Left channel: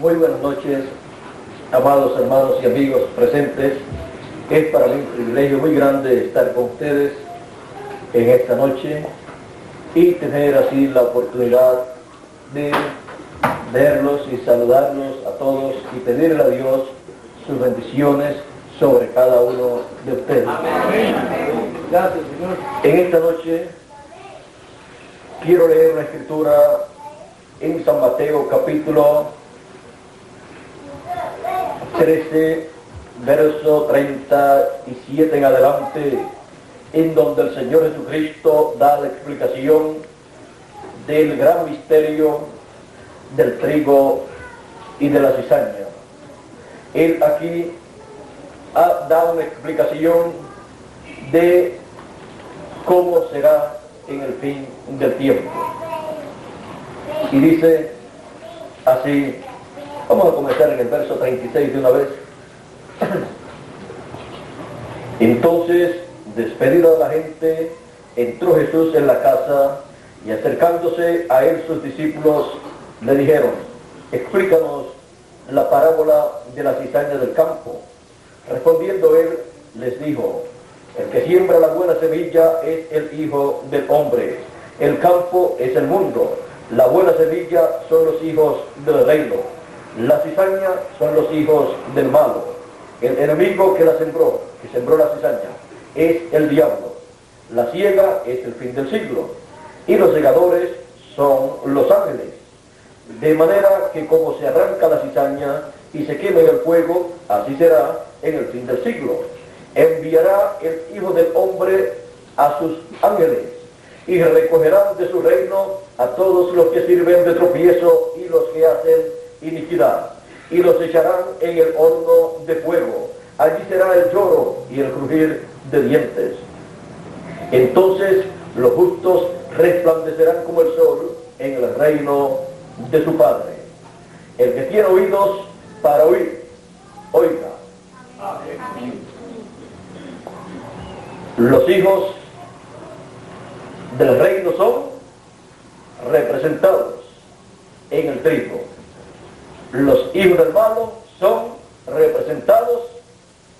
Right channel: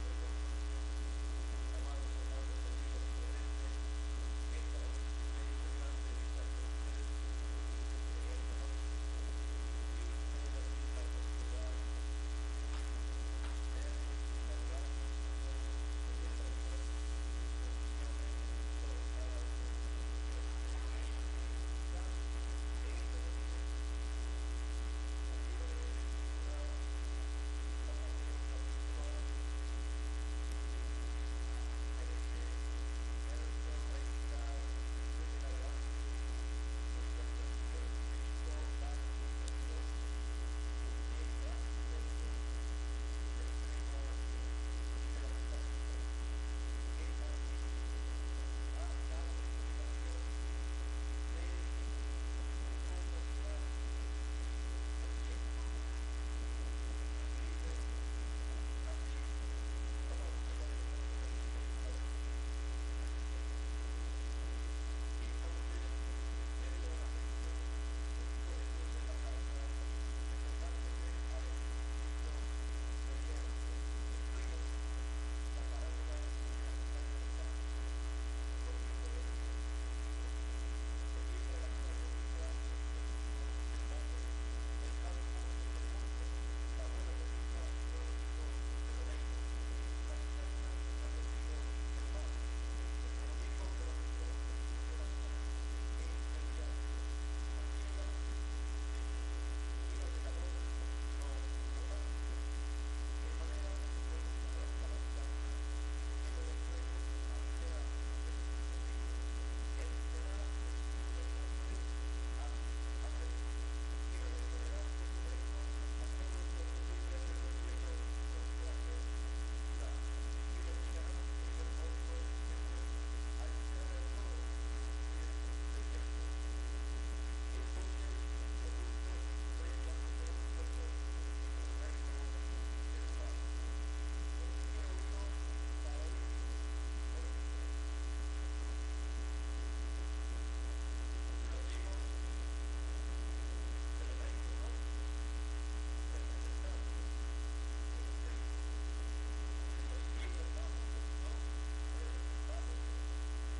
Muy buenas noches, amados hermanos y amigos presentes. Es para mí un privilegio muy grande estar con ustedes en esta noche y tener así la oportunidad de verlos y saludarlos a todos y pedirle a Dios sus bendiciones sobre cada uno de ustedes. Amén. Gracias, Señor. En esta noche quiero leer una escritura en San Mateo capítulo 13, verso 37 en adelante, en donde el Señor Jesucristo da la explicación del gran misterio del trigo y de la cizaña. Él aquí da una explicación de cómo será en el fin del tiempo. Y dice así, vamos a comenzar en el verso 36 de una vez. Entonces, despedido a la gente, entró Jesús en la casa y acercándose a él sus discípulos le dijeron: explícanos la parábola de la cizaña del campo. Respondiendo él, les dijo: el que siembra la buena semilla es el Hijo del Hombre. El campo es el mundo. La buena semilla son los hijos del reino. La cizaña son los hijos del malo. El enemigo que sembró la cizaña, es el diablo. La siega es el fin del siglo. Y los segadores son los ángeles. De manera que como se arranca la cizaña y se quema en el fuego, así será en el fin del siglo. Enviará el Hijo del Hombre a sus ángeles y recogerán de su reino a todos los que sirven de tropiezo y los que hacen iniquidad, y los echarán en el horno de fuego. Allí será el lloro y el crujir de dientes. Entonces los justos resplandecerán como el sol en el reino de su Padre. El que tiene oídos para oír, oiga. Amén. Los hijos del reino son representados en el trigo. Los hijos del malo son representados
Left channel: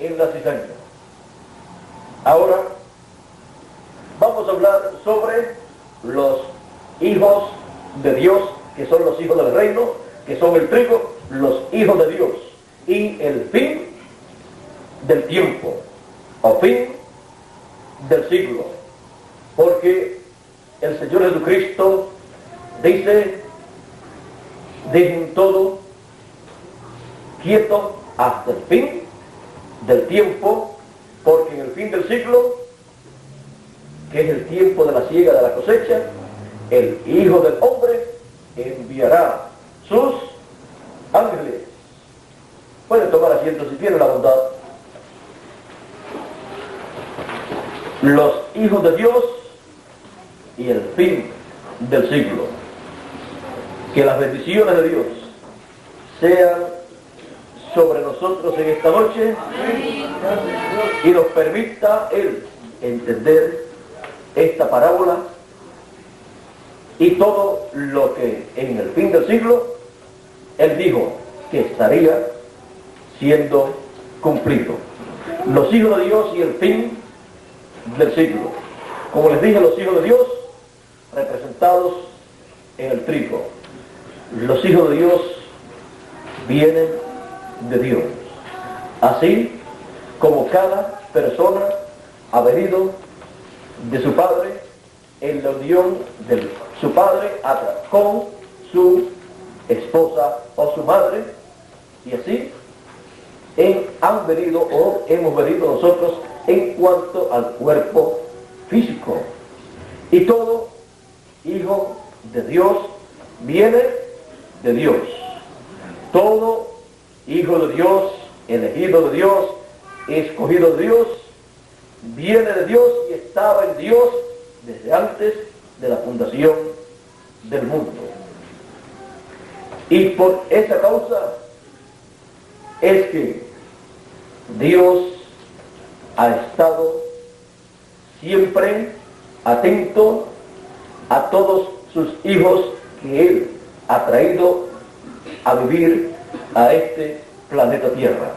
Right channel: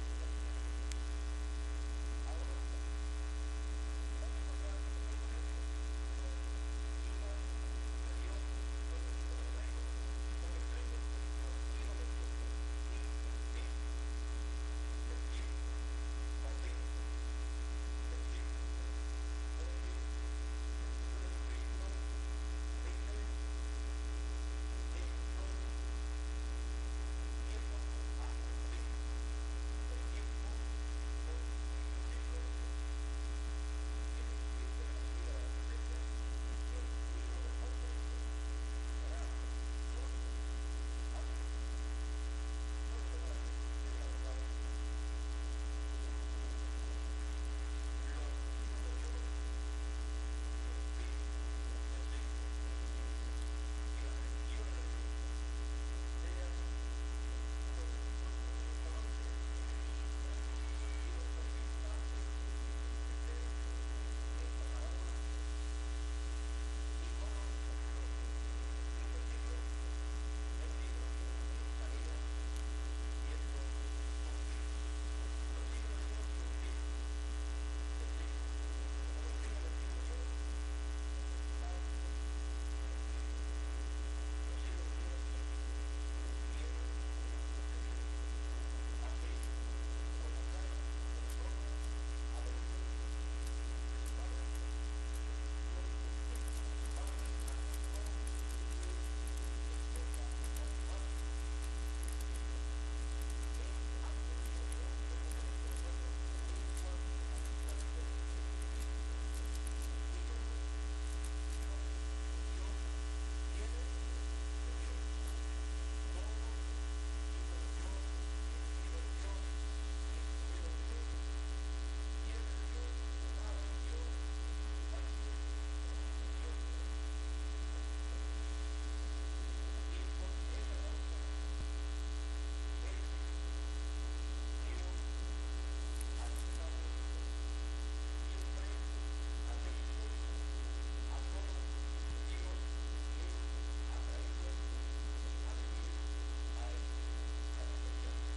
en la cizaña. Ahora vamos a hablar sobre los hijos de Dios, que son los hijos del reino, que son el trigo, los hijos de Dios, y el fin del tiempo, o fin del siglo. Porque el Señor Jesucristo dice: dejen todo quieto hasta el fin del tiempo, porque en el fin del siglo, que es el tiempo de la siega de la cosecha, el Hijo del Hombre enviará sus ángeles. Pueden tomar asiento si tienen la bondad. Los hijos de Dios y el fin del siglo. Que las bendiciones de Dios sean sobre nosotros en esta noche y nos permita Él entender esta parábola y todo lo que en el fin del siglo Él dijo que estaría siendo cumplido. Los hijos de Dios y el fin del siglo. Como les dije, los hijos de Dios representados en el trigo. Los hijos de Dios vienen de Dios. Así como cada persona ha venido de su padre en la unión de su padre con su esposa o su madre, y así han venido o hemos venido nosotros en cuanto al cuerpo físico. Y todo hijo de Dios viene de Dios. Todo hijo de Dios, elegido de Dios, escogido de Dios, viene de Dios y estaba en Dios desde antes de la fundación del mundo. Y por esa causa es que Dios ha estado siempre atento a todos sus hijos que Él ha traído a vivir a este planeta Tierra.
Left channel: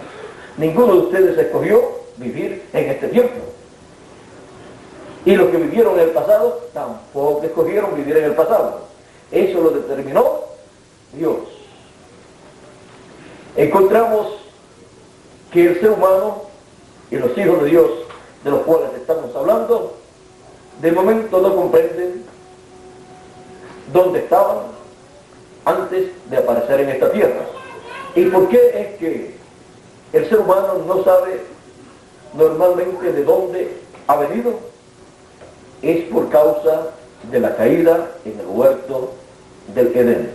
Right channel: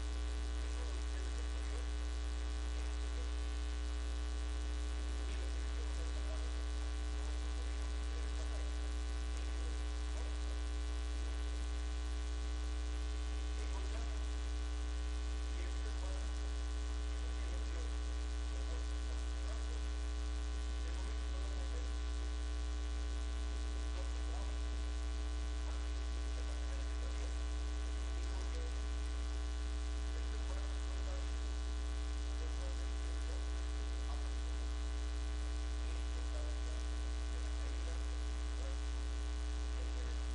Ninguno de ustedes escogió vivir en este tiempo. Y los que vivieron en el pasado tampoco escogieron vivir en el pasado. Eso lo determinó Dios. Encontramos que el ser humano y los hijos de Dios, de los cuales estamos hablando, de momento no comprenden dónde estaban antes de aparecer en esta tierra. ¿Y por qué es que el ser humano no sabe normalmente de dónde ha venido? Es por causa de la caída en el huerto del Edén.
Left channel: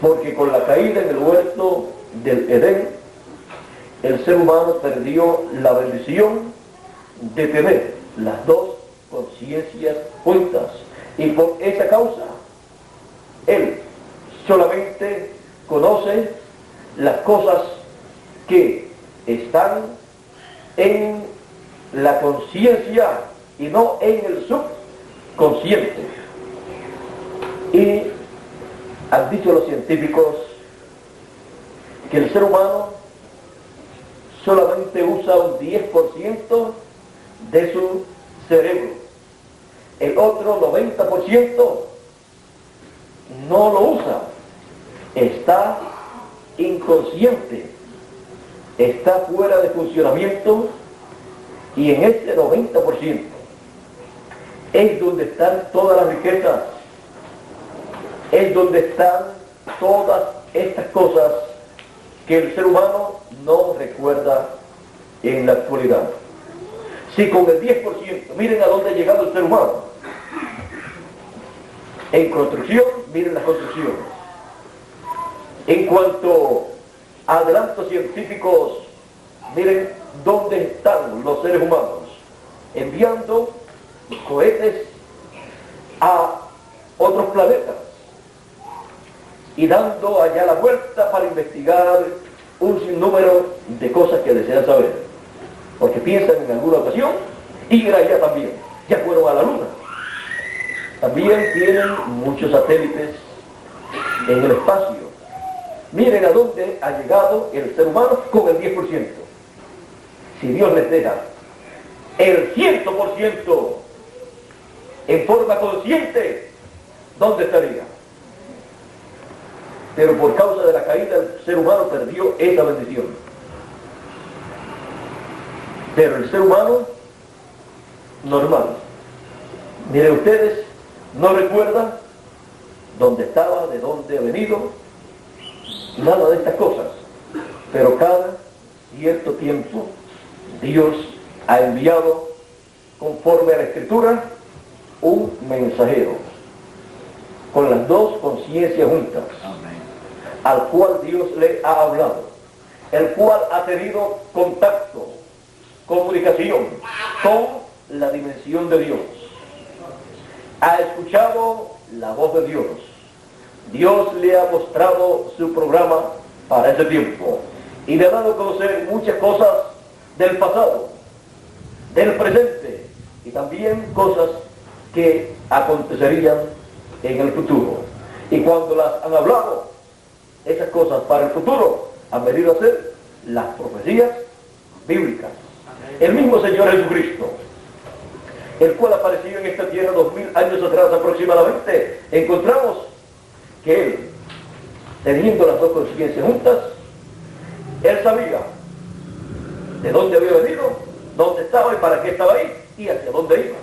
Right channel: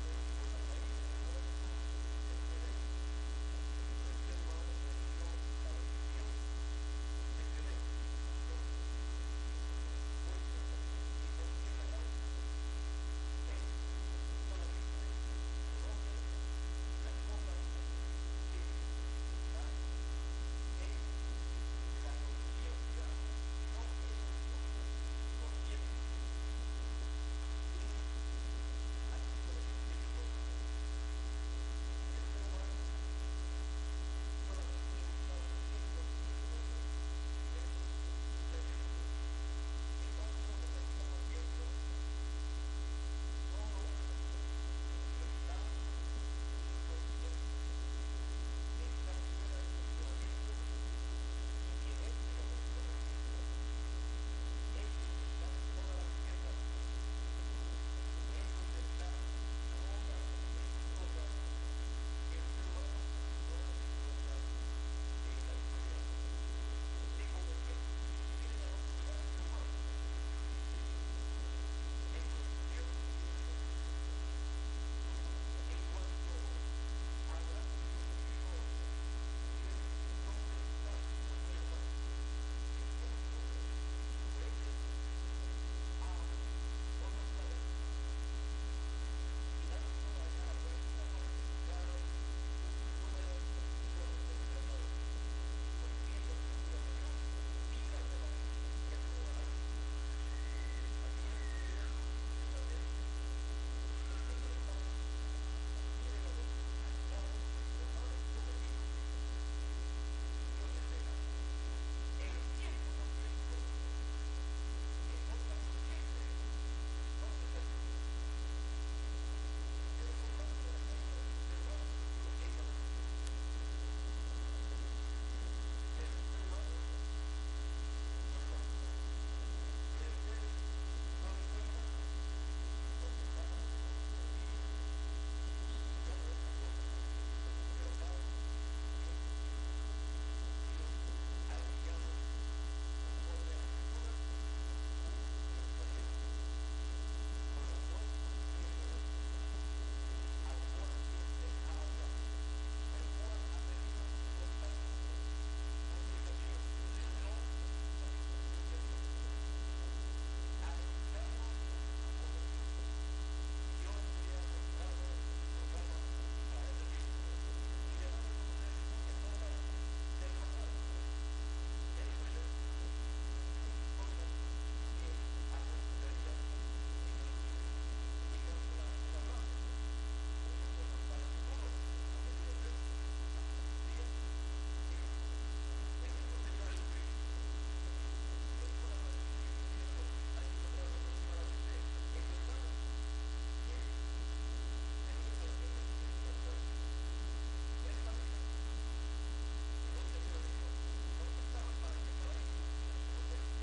Porque con la caída en el huerto del Edén, el ser humano perdió la bendición de tener las dos conciencias juntas. Y por esa causa, él solamente conoce las cosas que están en la conciencia y no en el subconsciente. Y han dicho los científicos que el ser humano solamente usa un 10% de su cerebro. El otro 90% no lo usa. Está inconsciente, está fuera de funcionamiento, y en ese 90% es donde están todas las riquezas, es donde están todas estas cosas que el ser humano no recuerda en la actualidad. Si con el 10%, miren a dónde ha llegado el ser humano. En construcción, miren la construcción. En cuanto a adelantos científicos, miren dónde están los seres humanos, enviando cohetes a otros planetas y dando allá la vuelta para investigar un sinnúmero de cosas que desean saber, porque piensan en alguna ocasión ir allá también. Ya fueron a la Luna. También tienen muchos satélites en el espacio. Miren a dónde ha llegado el ser humano con el 10%. Si Dios les deja el 100% en forma consciente, ¿dónde estaría? Pero por causa de la caída, el ser humano perdió esa bendición. Pero el ser humano normal, miren ustedes, no recuerda dónde estaba, de dónde ha venido, nada de estas cosas. Pero cada cierto tiempo Dios ha enviado, conforme a la Escritura, un mensajero con las dos conciencias juntas. Amén. Al cual Dios le ha hablado, el cual ha tenido contacto, comunicación con la dimensión de Dios, ha escuchado la voz de Dios. Dios le ha mostrado su programa para ese tiempo y le ha dado a conocer muchas cosas del pasado, del presente y también cosas que acontecerían en el futuro. Y cuando las han hablado, esas cosas para el futuro han venido a ser las profecías bíblicas. El mismo Señor Jesucristo, el cual apareció en esta tierra 2000 años atrás aproximadamente, encontramos que Él, teniendo las dos conciencias juntas, Él sabía de dónde había venido, dónde estaba y para qué estaba ahí y hacia dónde iba.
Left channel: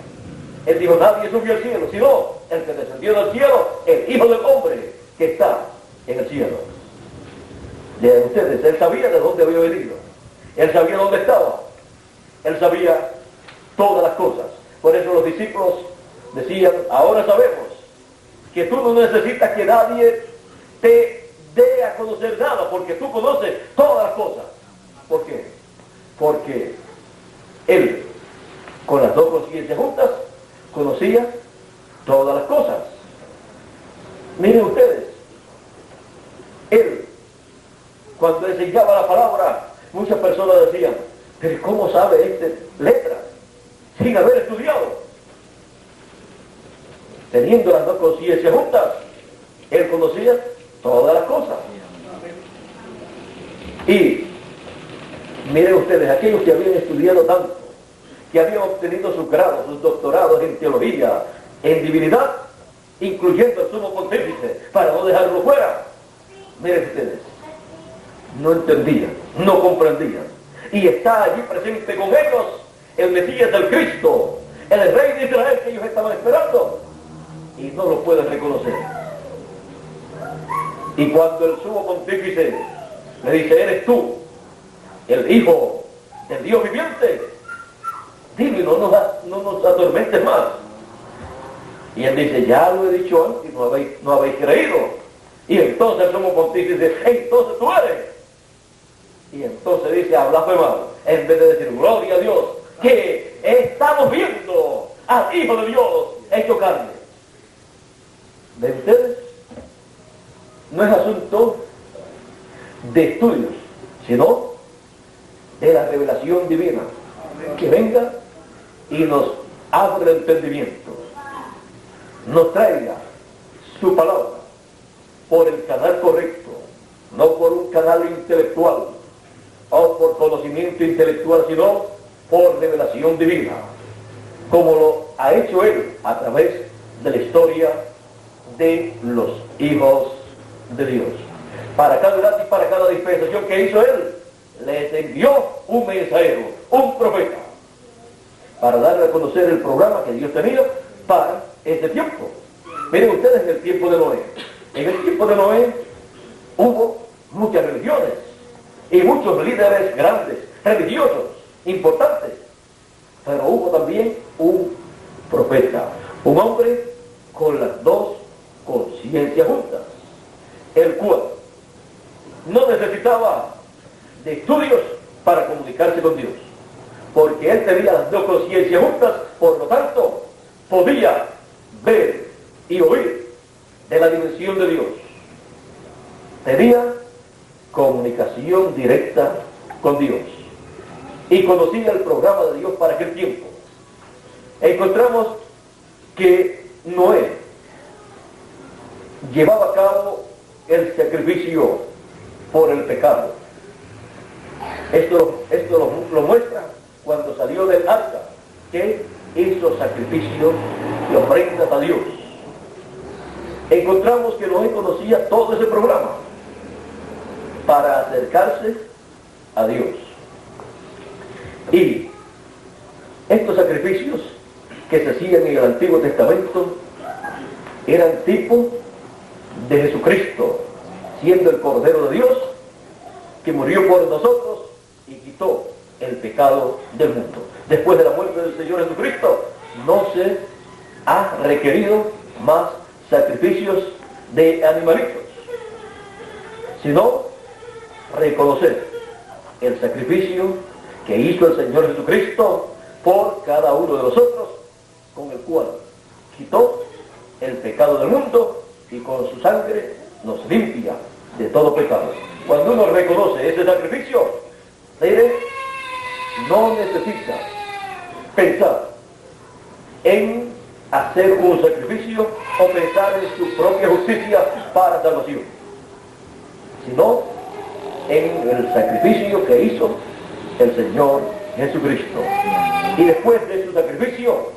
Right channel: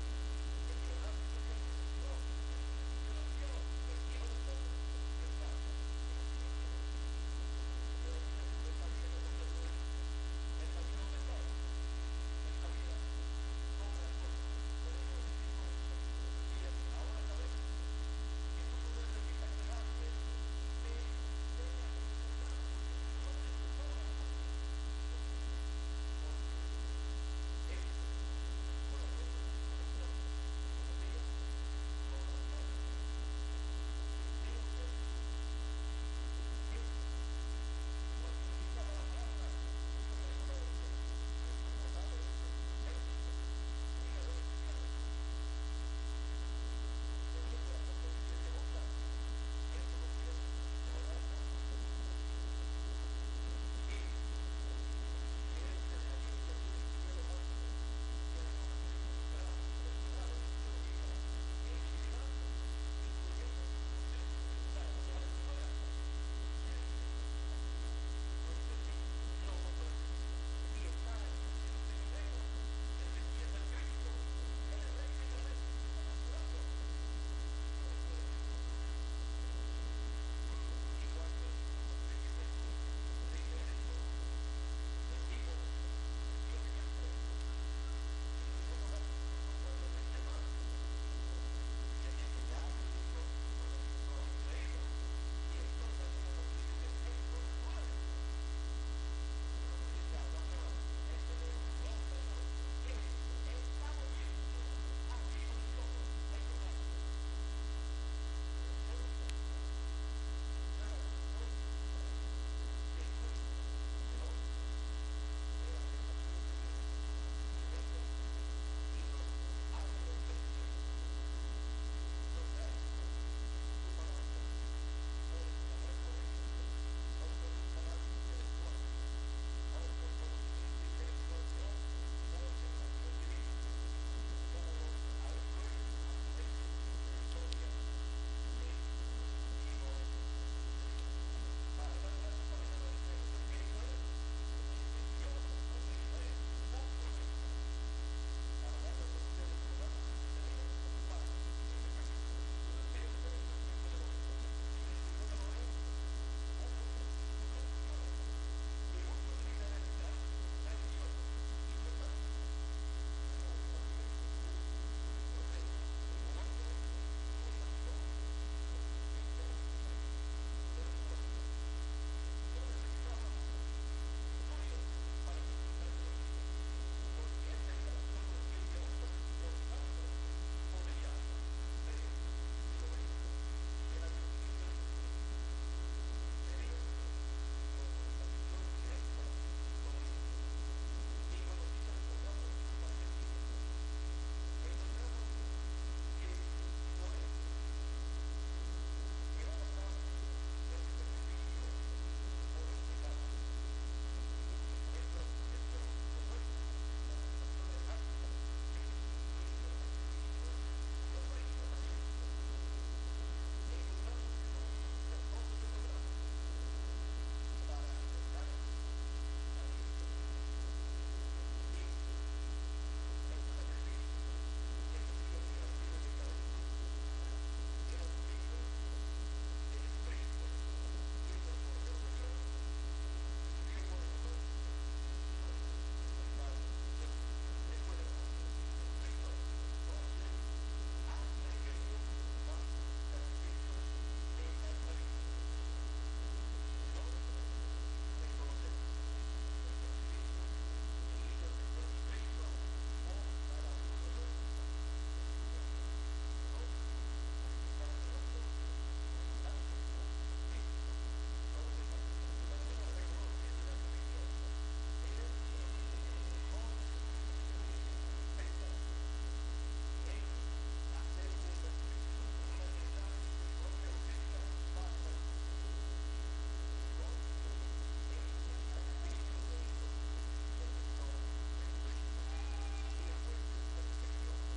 Él dijo: nadie subió al cielo, sino el que descendió del cielo, el Hijo del Hombre que está en el cielo. De ustedes, Él sabía de dónde había venido, Él sabía dónde estaba, Él sabía todas las cosas. Por eso los discípulos decían: ahora sabemos que tú no necesitas que nadie te dé a conocer nada, porque tú conoces todas las cosas. ¿Por qué? Porque Él, con las dos conciencias juntas, conocía todas las cosas. Miren ustedes, Él, cuando enseñaba la palabra, muchas personas decían: pero ¿cómo sabe este letra sin haber estudiado? Teniendo las dos conciencias juntas, Él conocía todas las cosas. ustedes, aquellos que habían estudiado tanto, que habían obtenido sus grados, sus doctorados en teología, en divinidad, incluyendo al sumo pontífice, para no dejarlo fuera, miren ustedes, no entendían, no comprendían. Y está allí presente con ellos el Mesías del Cristo, el Rey de Israel que ellos estaban esperando, y no lo pueden reconocer. Y cuando el sumo pontífice le dice, ¿eres tú el Hijo del Dios viviente? Dime, no nos atormentes más. Y él dice, ya lo he dicho antes, no habéis creído. Y entonces el sumo pontífice dice, entonces tú eres. Y entonces dice, ha blasfemado, en vez de decir, gloria a Dios, que estamos viendo al Hijo de Dios hecho carne. ¿Ven ustedes? No es asunto de estudios, sino de la revelación divina, que venga y nos abra el entendimiento, nos traiga su palabra por el canal correcto, no por un canal intelectual o por conocimiento intelectual, sino por revelación divina, como lo ha hecho Él a través de la historia de los hijos de Dios. Para cada edad y para cada dispensación que hizo Él, les envió un mensajero, un profeta, para darle a conocer el programa que Dios tenía para ese tiempo. Miren ustedes, en el tiempo de Noé. En el tiempo de Noé hubo muchas religiones y muchos líderes grandes, religiosos, importantes. Pero hubo también un profeta, un hombre con las dos conciencias juntas, el cual no necesitaba de estudios para comunicarse con Dios, porque él tenía las dos conciencias juntas, por lo tanto, podía ver y oír de la dimensión de Dios. Tenía comunicación directa con Dios y conocía el programa de Dios para aquel tiempo. Encontramos que Noé llevaba a cabo el sacrificio por el pecado. Esto lo muestra cuando salió del arca, que hizo sacrificio y ofrendas a Dios. Encontramos que Noé conocía todo ese programa para acercarse a Dios. Y estos sacrificios que se hacían en el Antiguo Testamento eran tipo de Jesucristo, siendo el Cordero de Dios, que murió por nosotros y quitó el pecado del mundo. Después de la muerte del Señor Jesucristo, no se ha requerido más sacrificios de animalitos, sino reconocer el sacrificio que hizo el Señor Jesucristo por cada uno de nosotros, con el cual quitó el pecado del mundo y con su sangre nos limpia de todo pecado. Cuando uno reconoce ese sacrificio, no necesita pensar en hacer un sacrificio o pensar en su propia justicia para salvación, sino en el sacrificio que hizo el Señor Jesucristo. Y después de su sacrificio,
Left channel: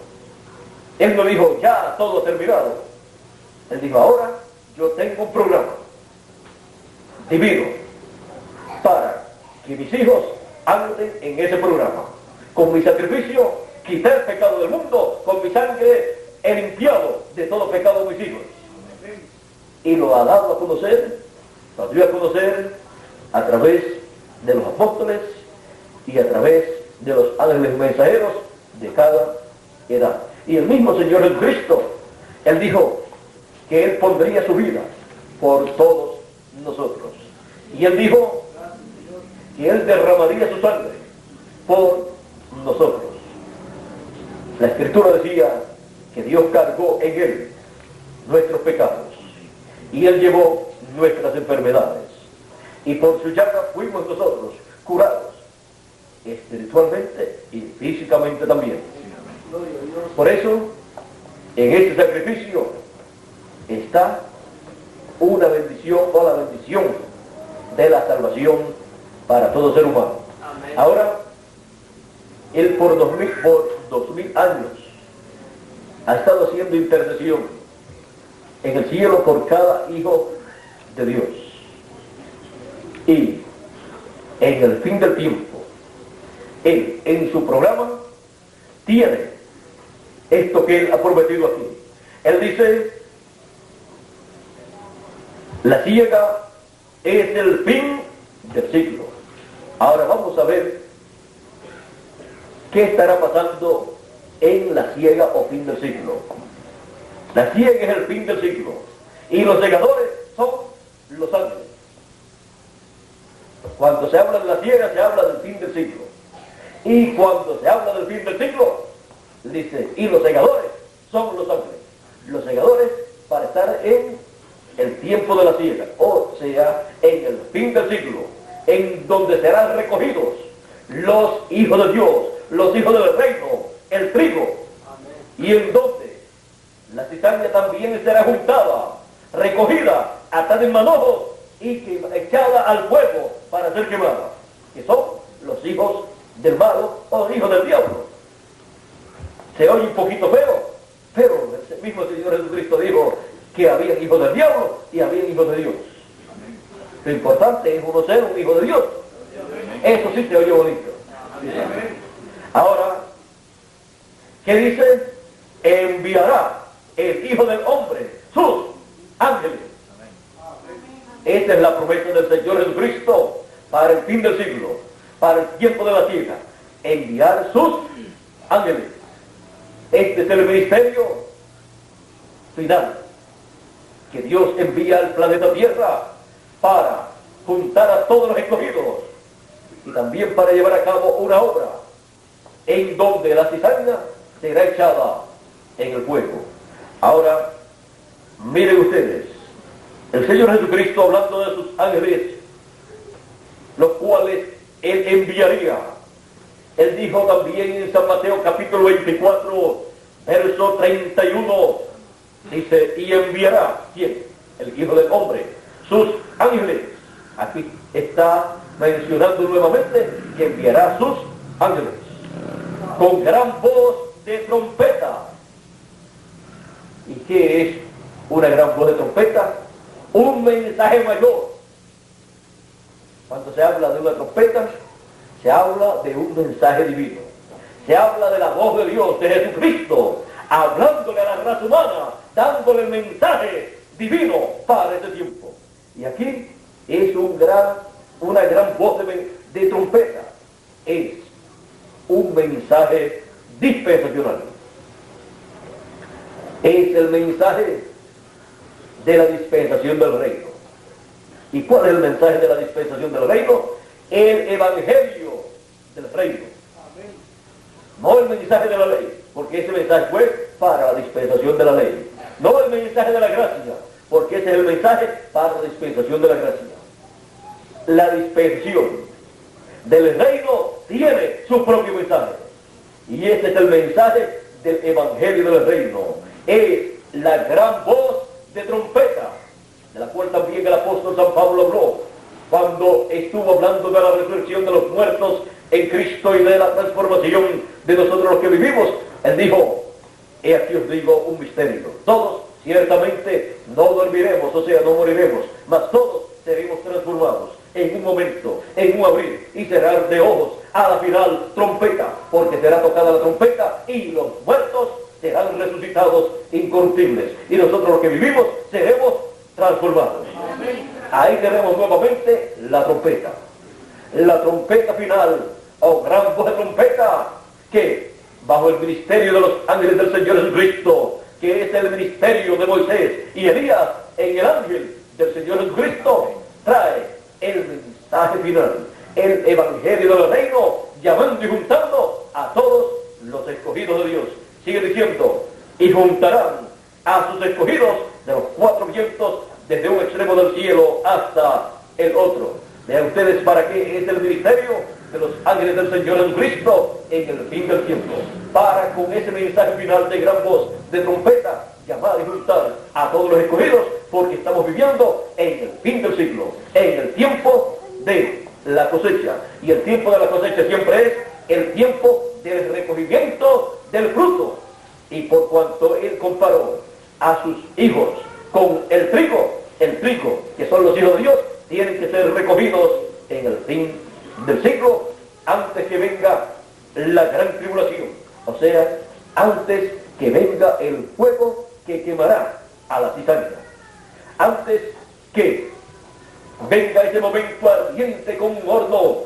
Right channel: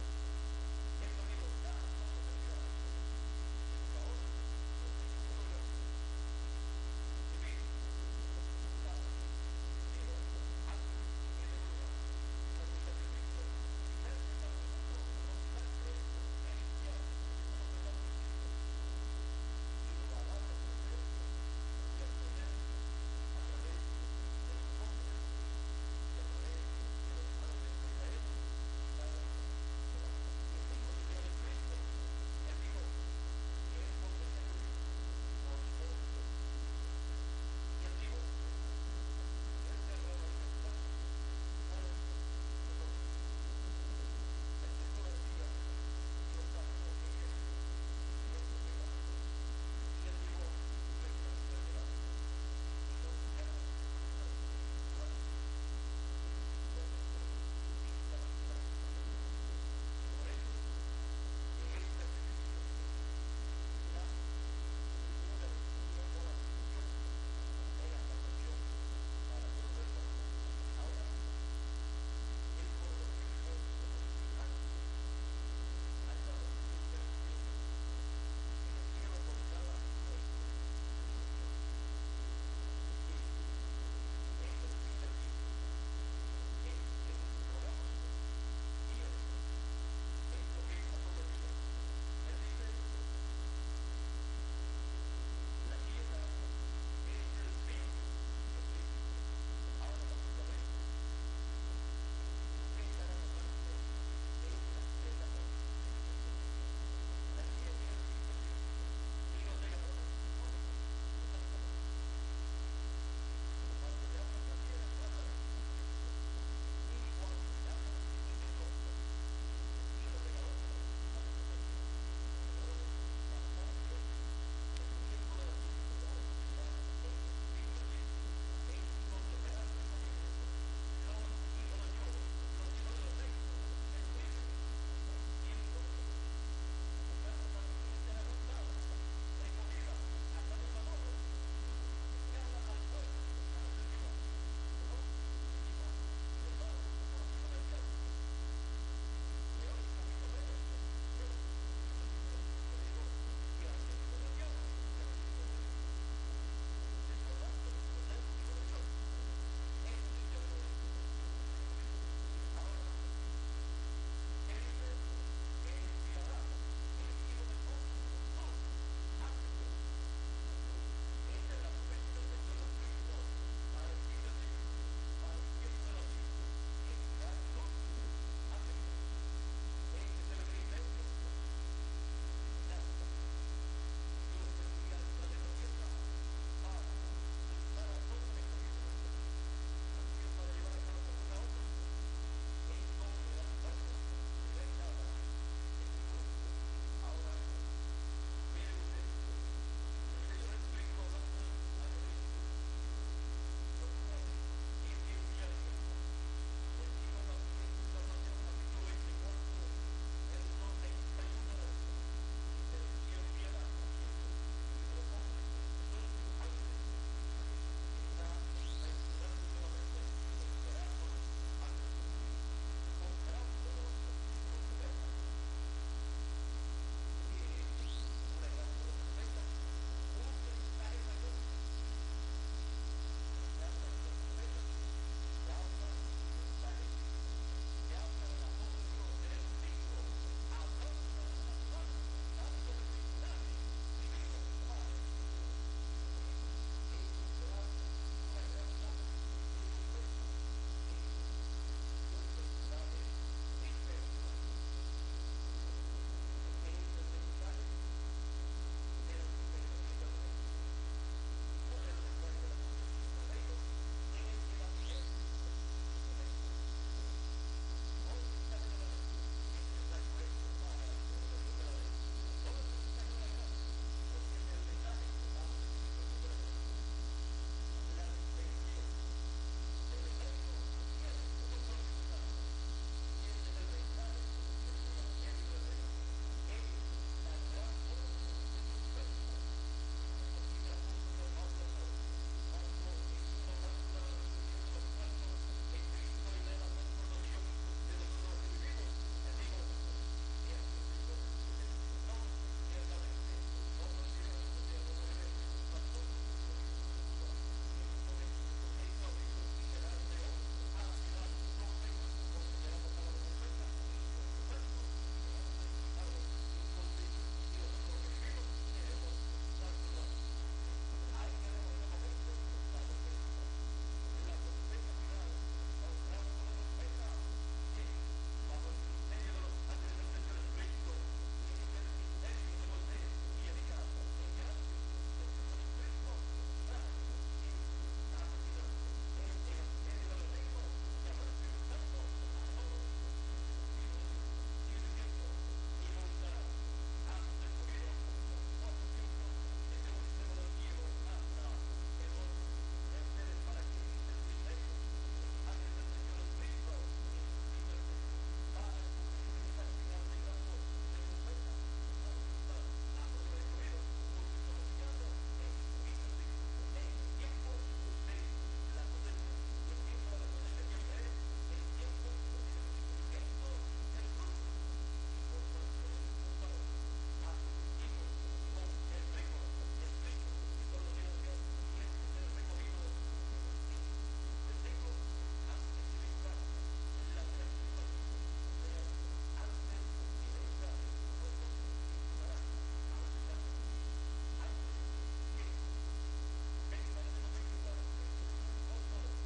Él no dijo, ya todo terminado. Él dijo, ahora yo tengo un programa divino para que mis hijos anden en ese programa. Con mi sacrificio quité el pecado del mundo, con mi sangre he limpiado de todo pecado de mis hijos. Y lo ha dado a conocer, lo dio a conocer a través de los apóstoles y a través de los ángeles mensajeros de cada edad. Y el mismo Señor Jesucristo, Él dijo que Él pondría su vida por todos nosotros. Y Él dijo que Él derramaría su sangre por nosotros. La Escritura decía que Dios cargó en Él nuestros pecados y Él llevó nuestras enfermedades. Y por su llaga fuimos nosotros curados, espiritualmente y físicamente también. Por eso, en este sacrificio está una bendición o la bendición de la salvación para todo ser humano. Amén. Ahora, Él por 2000 años ha estado haciendo intercesión en el cielo por cada hijo de Dios. Y en el fin del tiempo, Él en su programa tiene esto que Él ha prometido aquí. Él dice, la siega es el fin del siglo. Ahora vamos a ver qué estará pasando en la siega o fin del siglo. La siega es el fin del siglo y los segadores son los ángeles. Cuando se habla de la siega se habla del fin del siglo, y cuando se habla del fin del siglo dice, y los segadores son los ángeles. Los segadores para estar en el tiempo de la siega, o sea, en el fin del siglo, en donde serán recogidos los hijos de Dios, los hijos del reino, el trigo, y en donde la cizaña también será juntada, recogida, atada en manojos y echada al fuego para ser quemada, que son los hijos del malo o los hijos del diablo. Se oye un poquito feo, pero el mismo Señor Jesucristo dijo que había hijos del diablo y había hijos de Dios. Lo importante es uno ser un hijo de Dios. Eso sí se oye bonito. Ahora, ¿qué dice? Enviará el Hijo del Hombre sus ángeles. Esta es la promesa del Señor Jesucristo para el fin del siglo, para el tiempo de la siega. Enviar sus ángeles. Este es el ministerio final que Dios envía al planeta Tierra para juntar a todos los escogidos y también para llevar a cabo una obra en donde la cizaña será echada en el fuego. Ahora, miren ustedes, el Señor Jesucristo hablando de sus ángeles, los cuales Él enviaría. Él dijo también en San Mateo capítulo 24, verso 31, dice, y enviará, ¿quién? El Hijo del Hombre, sus ángeles. Aquí está mencionando nuevamente que enviará sus ángeles con gran voz de trompeta. ¿Y qué es una gran voz de trompeta? Un mensaje mayor. Cuando se habla de una trompeta, se habla de un mensaje divino. Se habla de la voz de Dios, de Jesucristo, hablándole a la raza humana, dándole el mensaje divino para este tiempo. Y aquí es una gran voz de trompeta. Es un mensaje dispensacional. Es el mensaje de la dispensación del reino. ¿Y cuál es el mensaje de la dispensación del reino? El evangelio del reino. No el mensaje de la ley, porque ese mensaje fue para la dispensación de la ley. No el mensaje de la gracia, porque ese es el mensaje para la dispensación de la gracia. La dispensación del reino tiene su propio mensaje. Y ese es el mensaje del evangelio del reino. Es la gran voz de trompeta, de la cual también el apóstol San Pablo habló cuando estuvo hablando de la resurrección de los muertos en Cristo y de la transformación de nosotros los que vivimos. Él dijo, he aquí os digo un misterio. Todos ciertamente no dormiremos, o sea, no moriremos, mas todos seremos transformados en un momento, en un abrir y cerrar de ojos, a la final trompeta, porque será tocada la trompeta y los muertos serán resucitados incorruptibles. Y nosotros los que vivimos seremos transformados. Ahí tenemos nuevamente la trompeta final, o gran voz de trompeta, que bajo el ministerio de los ángeles del Señor Jesucristo, que es el ministerio de Moisés y Elías en el ángel del Señor Jesucristo, trae el mensaje final, el evangelio del reino, llamando y juntando a todos los escogidos de Dios. Sigue diciendo, y juntarán a sus escogidos de los cuatro vientos, desde un extremo del cielo hasta el otro. Vean ustedes para qué es el ministerio de los ángeles del Señor Jesucristo en el fin del tiempo. Para con ese mensaje final de gran voz de trompeta, llamar y juntar a todos los escogidos, porque estamos viviendo en el fin del siglo, en el tiempo de la cosecha. Y el tiempo de la cosecha siempre es el tiempo a sus hijos con el trigo, que son los hijos de Dios, tienen que ser recogidos en el fin del siglo, antes que venga la gran tribulación, o sea, antes que venga el fuego que quemará a la cizaña, antes que venga ese momento ardiente como un horno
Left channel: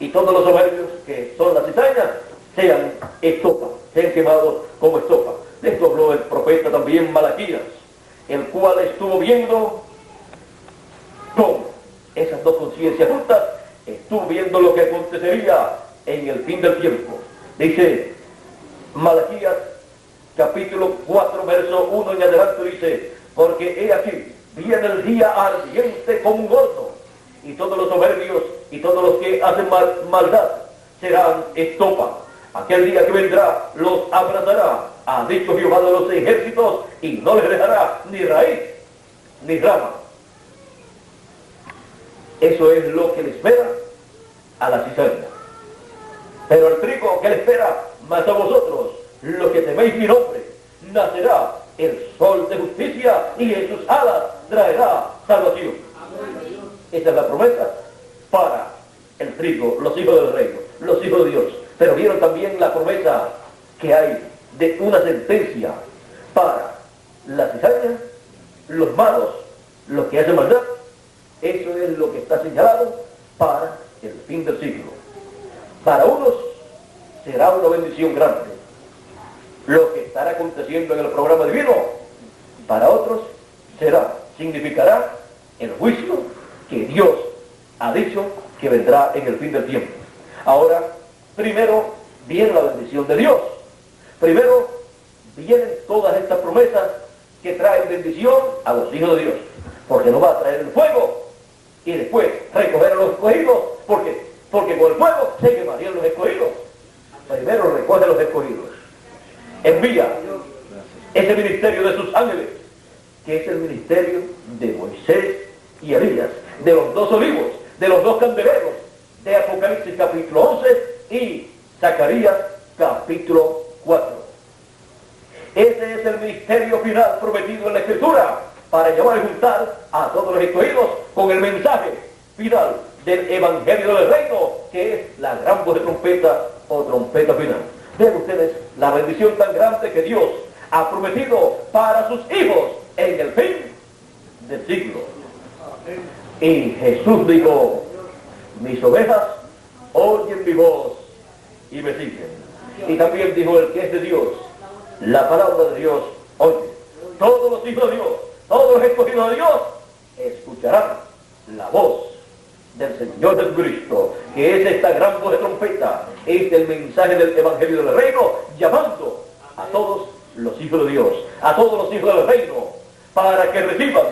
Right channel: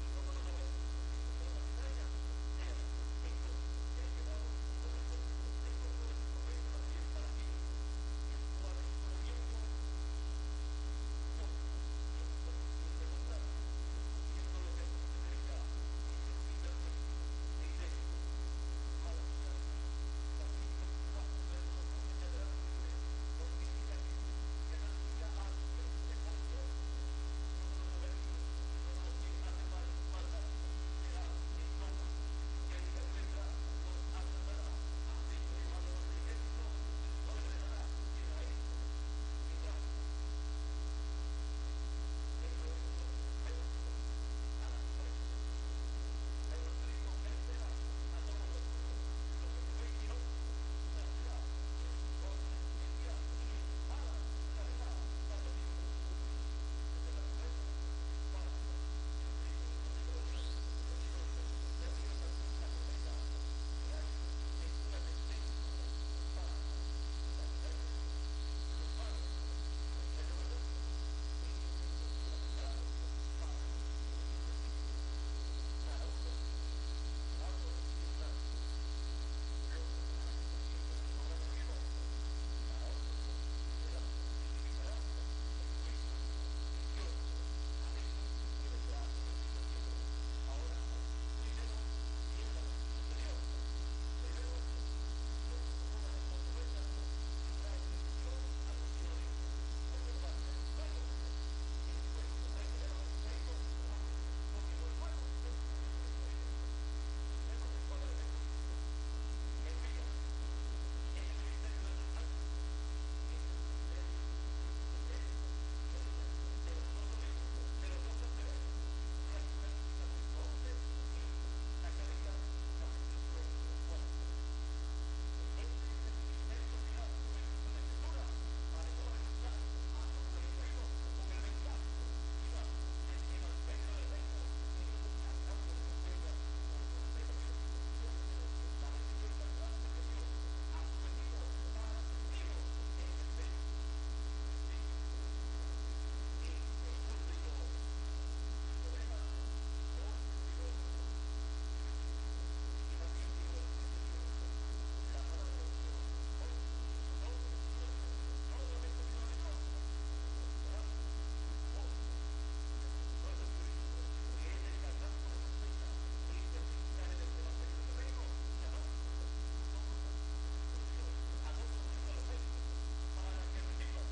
y todos los soberbios que son la cizaña sean estopa, sean quemados como estopa. De esto habló el profeta también Malaquías, el cual estuvo viendo con esas dos conciencias juntas, estuvo viendo lo que acontecería en el fin del tiempo. Dice Malaquías capítulo 4 verso 1 en adelante, dice: porque he aquí viene el día ardiente como un horno, y todos los soberbios y todos los que hacen maldad serán estopa. Aquel día que vendrá los abrazará, ha dicho Jehová de los ejércitos, y no les dejará ni raíz ni rama. Eso es lo que le espera a la cizaña. Pero el trigo que le espera más a vosotros, los que teméis mi nombre, nacerá el sol de justicia, y en sus alas traerá salvación. Esa es la promesa para el trigo, los hijos del reino, los hijos de Dios. Pero vieron también la promesa que hay de una sentencia para la cizaña, los malos, los que hacen maldad. Eso es lo que está señalado para el fin del siglo. Para unos será una bendición grande lo que estará aconteciendo en el programa divino. Para otros significará el juicio que Dios ha dicho que vendrá en el fin del tiempo. Ahora, primero viene la bendición de Dios. Primero vienen todas estas promesas que traen bendición a los hijos de Dios, porque nos va a traer el fuego y después recoger a los escogidos, porque con el fuego se quemarían los escogidos. Primero recoge a los escogidos, envía ese ministerio de sus ángeles, que es el ministerio de Moisés y Elías, de los dos olivos, de los dos candeleros, de Apocalipsis capítulo 11 y Zacarías capítulo 4. Ese es el ministerio final prometido en la Escritura, para llamar y juntar a todos los escogidos con el mensaje final del Evangelio del Reino, que es la gran voz de trompeta o trompeta final. Vean ustedes la bendición tan grande que Dios ha prometido para sus hijos en el fin del siglo. Y Jesús dijo: mis ovejas oyen mi voz y me siguen. Y también dijo el que es de Dios, la palabra de Dios oye. Todos los hijos de Dios, todos los escogidos de Dios, escucharán la voz del Señor Jesucristo, que es esta gran voz de trompeta, es el mensaje del Evangelio del Reino, llamando a todos los hijos de Dios, a todos los hijos del Reino, para que reciban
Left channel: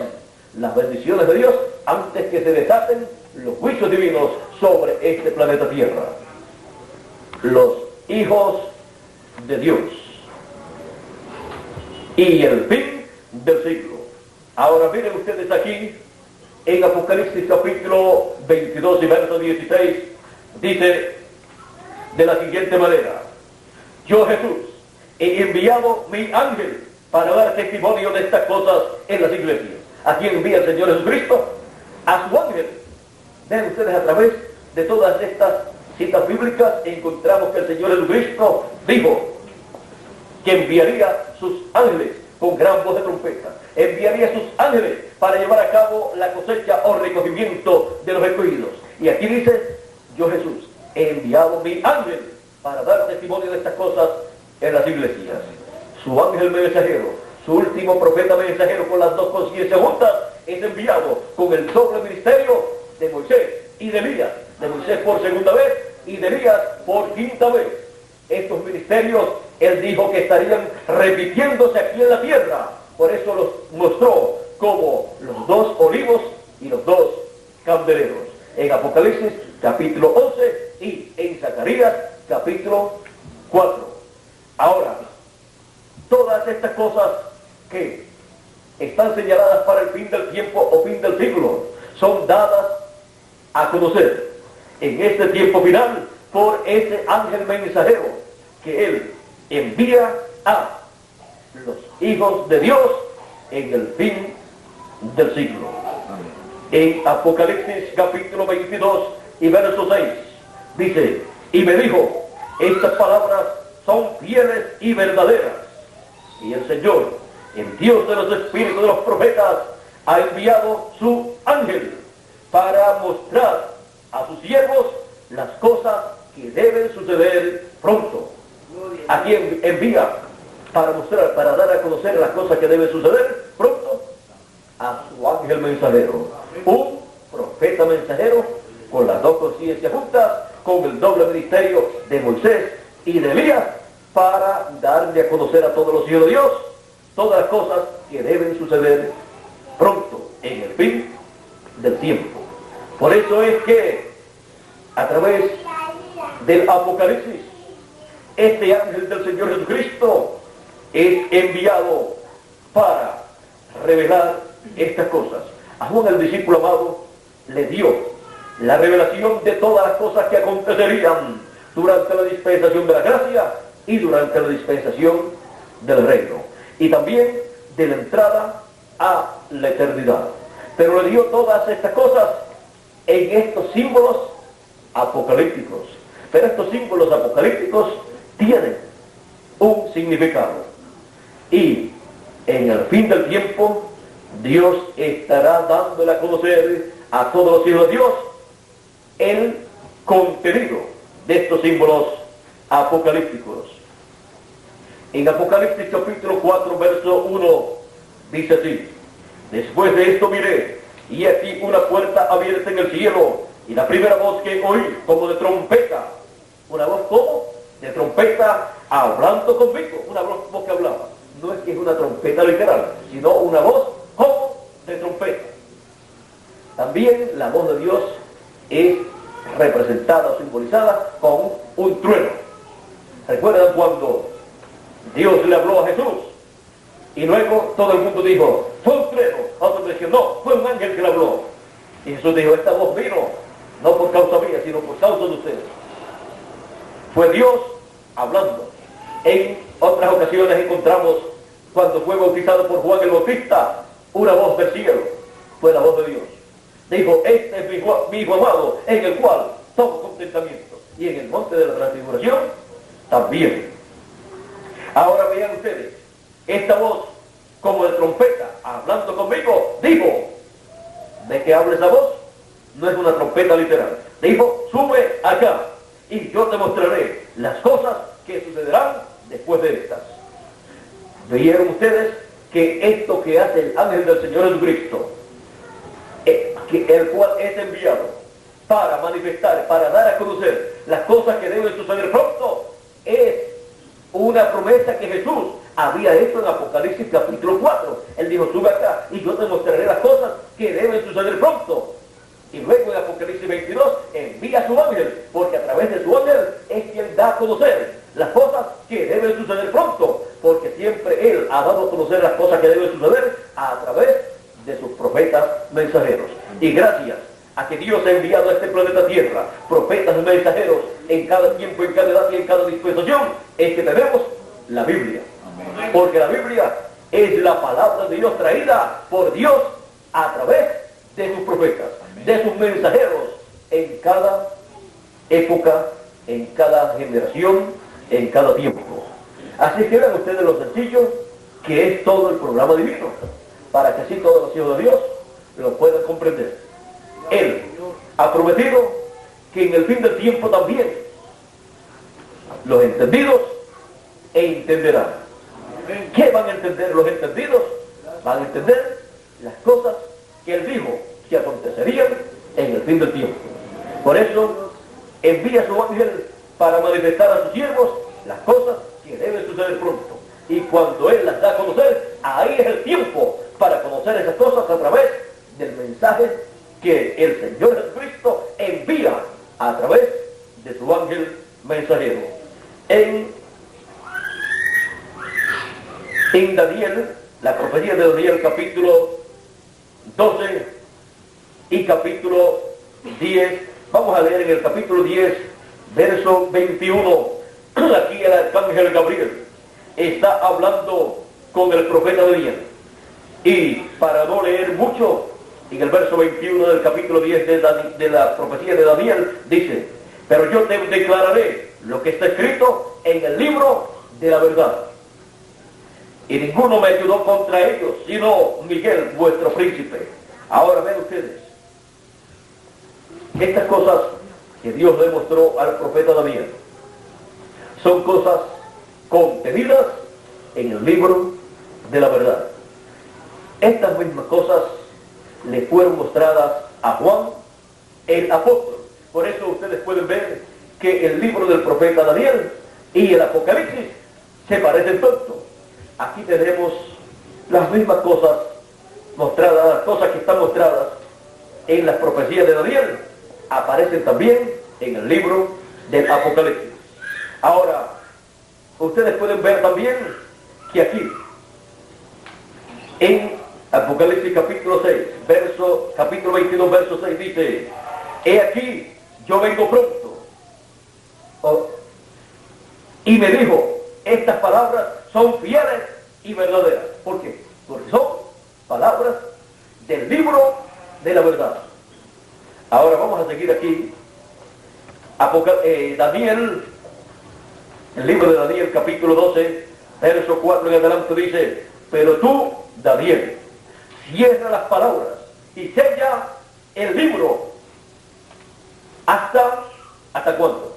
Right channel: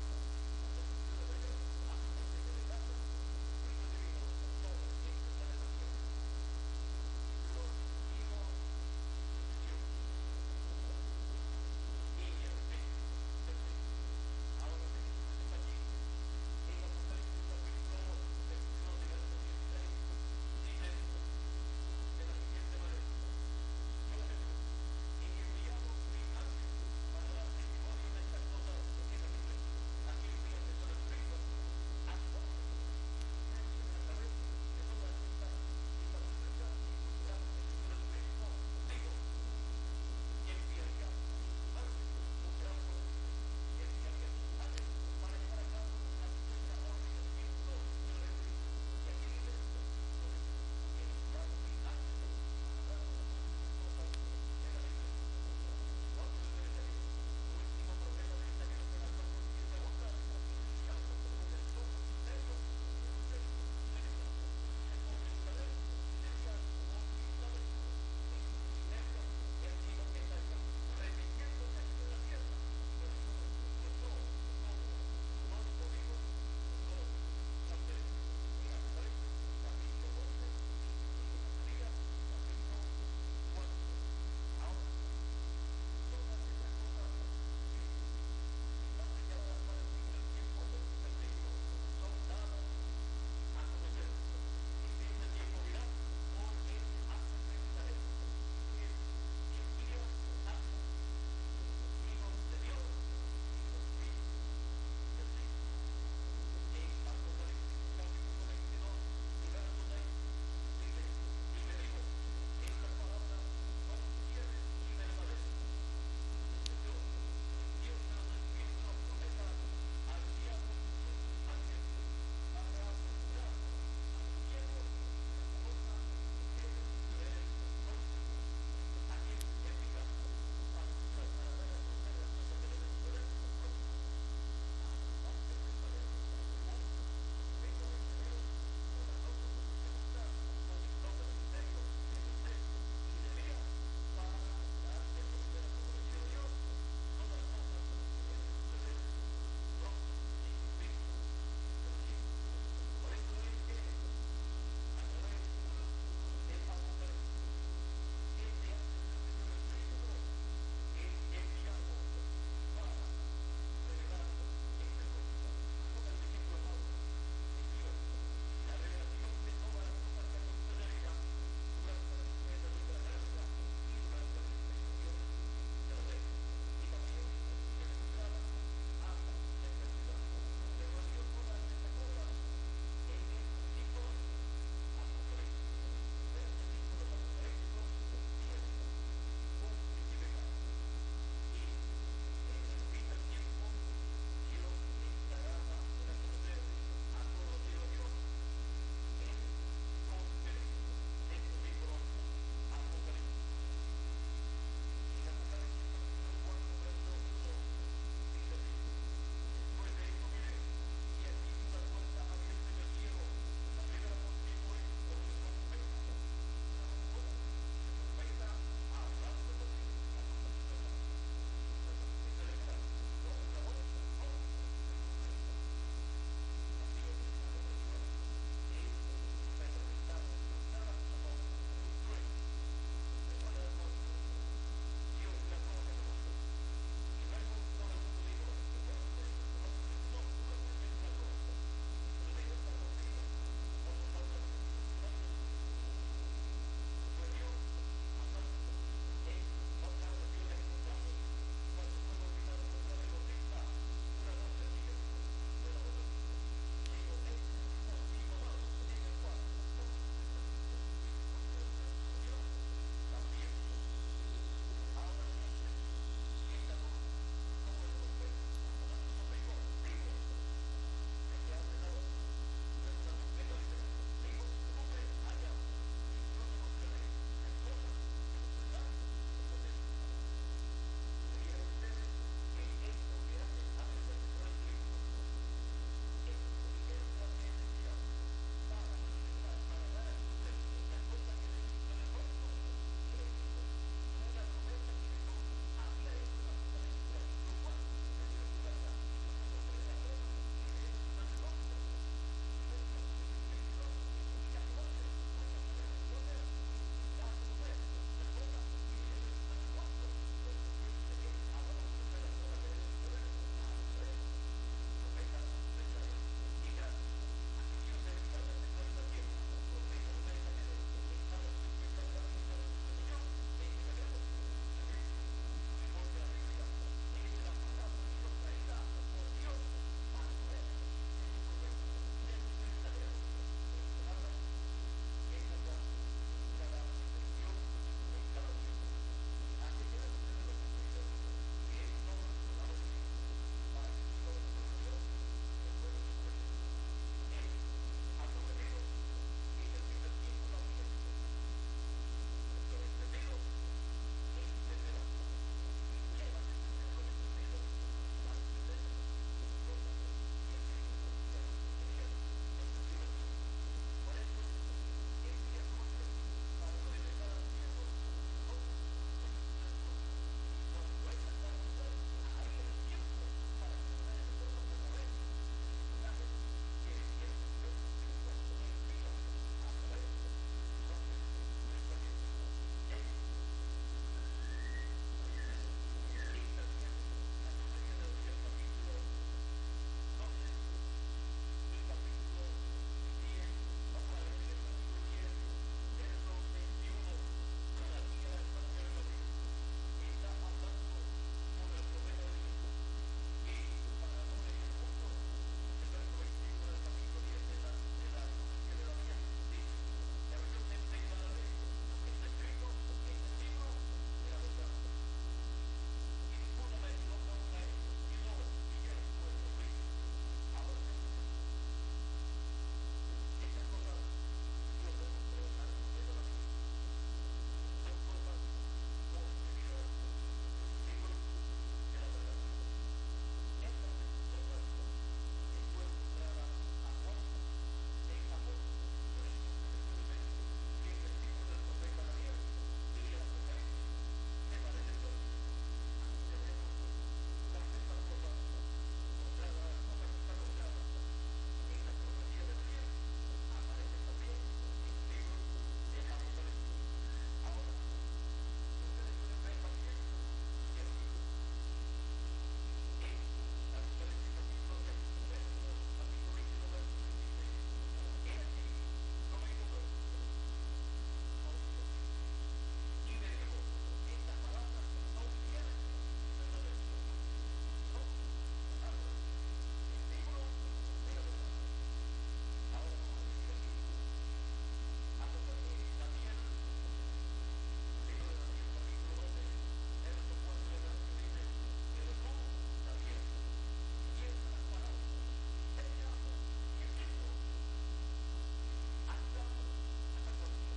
las bendiciones de Dios antes que se desaten los juicios divinos sobre este planeta Tierra. Los hijos de Dios y el fin del siglo. Ahora miren ustedes aquí en Apocalipsis capítulo 22 y verso 16, dice de la siguiente manera: yo, Jesús, he enviado mi ángel para dar testimonio de estas cosas en las iglesias. ¿A quién envía el Señor Jesucristo? A su ángel. Vean ustedes, a través de todas estas citas bíblicas encontramos que el Señor Jesucristo dijo que enviaría sus ángeles con gran voz de trompeta, enviaría sus ángeles para llevar a cabo la cosecha o recogimiento de los escogidos. Y aquí dice: yo, Jesús, he enviado mi ángel para dar testimonio de estas cosas en las iglesias. Su ángel mensajero, su último profeta mensajero con las dos conciencias juntas, es enviado con el doble ministerio de Moisés y de Elías, de Moisés por segunda vez y de Elías por quinta vez. Estos ministerios, él dijo que estarían repitiéndose aquí en la tierra, por eso los mostró como los dos olivos y los dos candeleros, en Apocalipsis capítulo 11 y en Zacarías capítulo 4. Ahora, todas estas cosas que están señaladas para el fin del tiempo o fin del siglo son dadas a conocer en este tiempo final por ese ángel mensajero que él envía a los hijos de Dios en el fin del siglo. En Apocalipsis capítulo 22 y verso 6 dice, y me dijo, estas palabras son fieles y verdaderas, y el Señor, el Dios de los espíritus de los profetas, ha enviado su ángel para mostrar a sus siervos las cosas que deben suceder pronto. ¿A quién envía para mostrar, para dar a conocer las cosas que deben suceder pronto? A su ángel mensajero, un profeta mensajero con las dos conciencias juntas, con el doble ministerio de Moisés y de Elías, para darle a conocer a todos los hijos de Dios todas las cosas que deben suceder pronto, en el fin del tiempo. Por eso es que a través del Apocalipsis, este ángel del Señor Jesucristo es enviado para revelar estas cosas. A Juan, el discípulo amado, le dio la revelación de todas las cosas que acontecerían durante la dispensación de la gracia y durante la dispensación del reino, y también de la entrada a la eternidad. Pero le dio todas estas cosas en estos símbolos apocalípticos. Pero estos símbolos apocalípticos tienen un significado. Y en el fin del tiempo, Dios estará dándole a conocer a todos los hijos de Dios el contenido de estos símbolos apocalípticos. En Apocalipsis capítulo 4, verso 1, dice así, después de esto miré, y aquí una puerta abierta en el cielo, y la primera voz que oí, como de trompeta, una voz como de trompeta, hablando conmigo, una voz que hablaba. No es que es una trompeta literal, sino una voz como de trompeta. También la voz de Dios es representada o simbolizada con un trueno. ¿Recuerdan cuando Dios le habló a Jesús? Y luego todo el mundo dijo, fue un trueno. Otros decían, no, fue un ángel que le habló. Y Jesús dijo, esta voz vino, no por causa mía, sino por causa de ustedes. Fue Dios hablando. En otras ocasiones encontramos, cuando fue bautizado por Juan el Bautista, una voz del cielo. Fue la voz de Dios. Dijo, este es mi hijo amado, en el cual tomo contentamiento. Y en el monte de la transfiguración, también. Ahora vean ustedes, esta voz, como de trompeta, hablando conmigo, dijo, ¿de qué habla esa voz? No es una trompeta literal. Dijo, sube acá, y yo te mostraré las cosas que sucederán después de estas. ¿Veieron ustedes que esto que hace el ángel del Señor Jesucristo, el cual es enviado para manifestar, para dar a conocer las cosas que deben suceder pronto, es una promesa que Jesús había hecho en Apocalipsis capítulo 4. Él dijo, sube acá y yo te mostraré las cosas que deben suceder pronto. Y luego en Apocalipsis 22 envía a su ángel, porque a través de su ángel es quien da a conocer las cosas que deben suceder pronto, porque siempre Él ha dado a conocer las cosas que deben suceder a través de sus profetas mensajeros. Y gracias a que Dios ha enviado a este planeta Tierra profetas mensajeros en cada tiempo, en cada edad y en cada dispensación, es que tenemos la Biblia. Amén. Porque la Biblia es la palabra de Dios traída por Dios a través de sus profetas, amén, de sus mensajeros, en cada época, en cada generación, en cada tiempo. Así que vean ustedes lo sencillo que es todo el programa divino, para que así todos los hijos de Dios lo puedan comprender. Él ha prometido que en el fin del tiempo también los entendidos entenderán. ¿Qué van a entender los entendidos? Van a entender las cosas que Él dijo que acontecerían en el fin del tiempo. Por eso envía a su ángel para manifestar a sus siervos las cosas que deben suceder pronto. Y cuando Él las da a conocer, ahí es el tiempo para conocer esas cosas a través del mensaje que el Señor Jesucristo envía a través de su ángel mensajero. En Daniel, la profecía de Daniel capítulo 12 y capítulo 10, vamos a leer en el capítulo 10, verso 21, aquí el arcángel Gabriel está hablando con el profeta Daniel Y para no leer mucho, en el verso 21 del capítulo 10 de la profecía de Daniel, dice: pero yo te declararé lo que está escrito en el libro de la verdad. Y ninguno me ayudó contra ellos, sino Miguel, vuestro príncipe. Ahora ven ustedes, estas cosas que Dios le mostró al profeta Daniel son cosas contenidas en el libro de la verdad. Estas mismas cosas le fueron mostradas a Juan el apóstol. Por eso ustedes pueden ver que el libro del profeta Daniel y el Apocalipsis se parecen tanto. Aquí tenemos las mismas cosas mostradas, las cosas que están mostradas en las profecías de Daniel, aparecen también en el libro del Apocalipsis. Ahora, ustedes pueden ver también que aquí, en Apocalipsis capítulo 6, capítulo 22, verso 6, dice: he aquí, yo vengo pronto. Y me dijo, estas palabras son fieles y verdaderas. ¿Por qué? Porque son palabras del libro de la verdad. Ahora vamos a seguir aquí. Daniel, el libro de Daniel capítulo 12, verso 4 en adelante dice: pero tú, Daniel, cierra las palabras y sella el libro. ¿Hasta cuándo?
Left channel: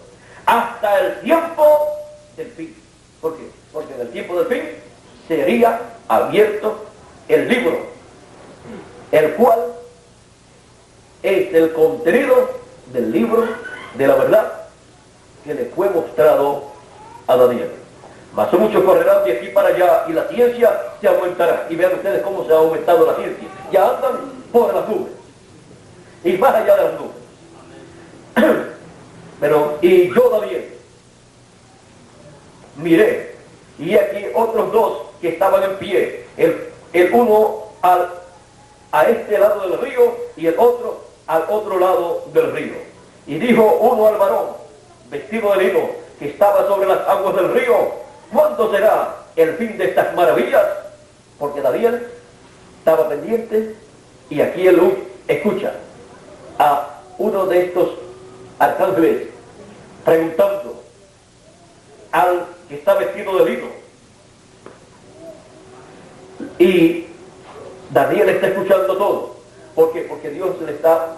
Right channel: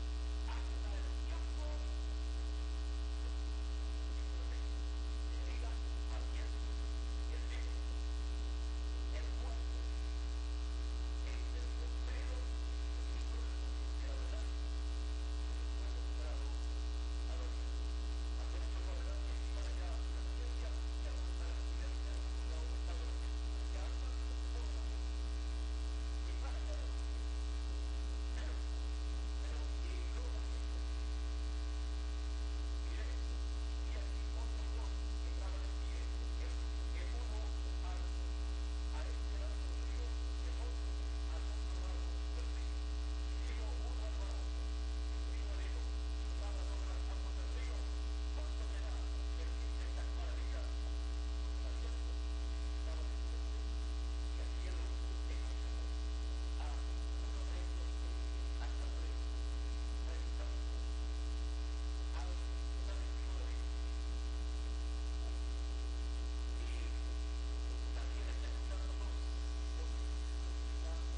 Hasta el tiempo del fin. ¿Por qué? Porque en el tiempo del fin sería abierto el libro, el cual es el contenido del libro de la verdad que le fue mostrado a Daniel. Mas muchos correrán de aquí para allá y la ciencia se aumentará. Y vean ustedes cómo se ha aumentado la ciencia. Ya andan por las nubes y más allá de las nubes. Y yo, Daniel, miré, y aquí otros dos que estaban en pie, el uno a este lado del río y el otro al otro lado del río. Y dijo uno al varón, vestido de lino, que estaba sobre las aguas del río: ¿cuándo será el fin de estas maravillas? Porque Daniel estaba pendiente, y aquí él escucha a uno de estos arcángeles preguntando al que está vestido de lino. Y Daniel está escuchando todo. ¿Por qué? Porque Dios le está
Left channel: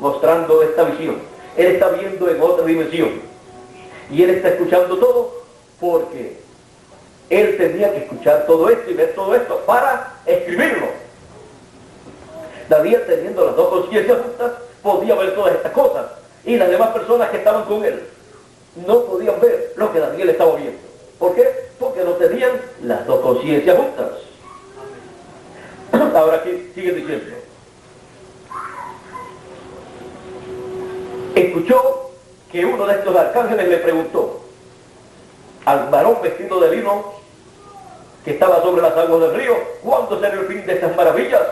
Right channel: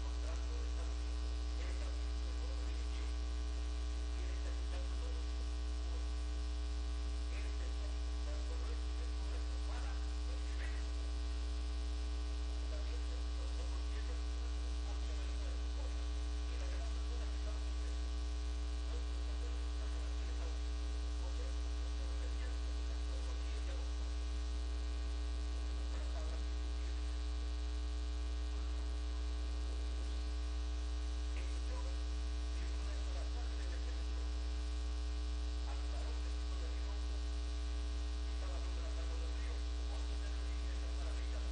mostrando esta visión. Él está viendo en otra dimensión. Y él está escuchando todo porque él tenía que escuchar todo esto y ver todo esto para escribirlo. Daniel, teniendo las dos conciencias justas, podía ver todas estas cosas. Y las demás personas que estaban con él no podían ver lo que Daniel estaba viendo. ¿Por qué? Porque no tenían las dos conciencias justas. Ahora aquí sigue diciendo: escuchó que uno de estos arcángeles le preguntó al varón vestido de lino que estaba sobre las aguas del río: ¿cuándo será el fin de estas maravillas?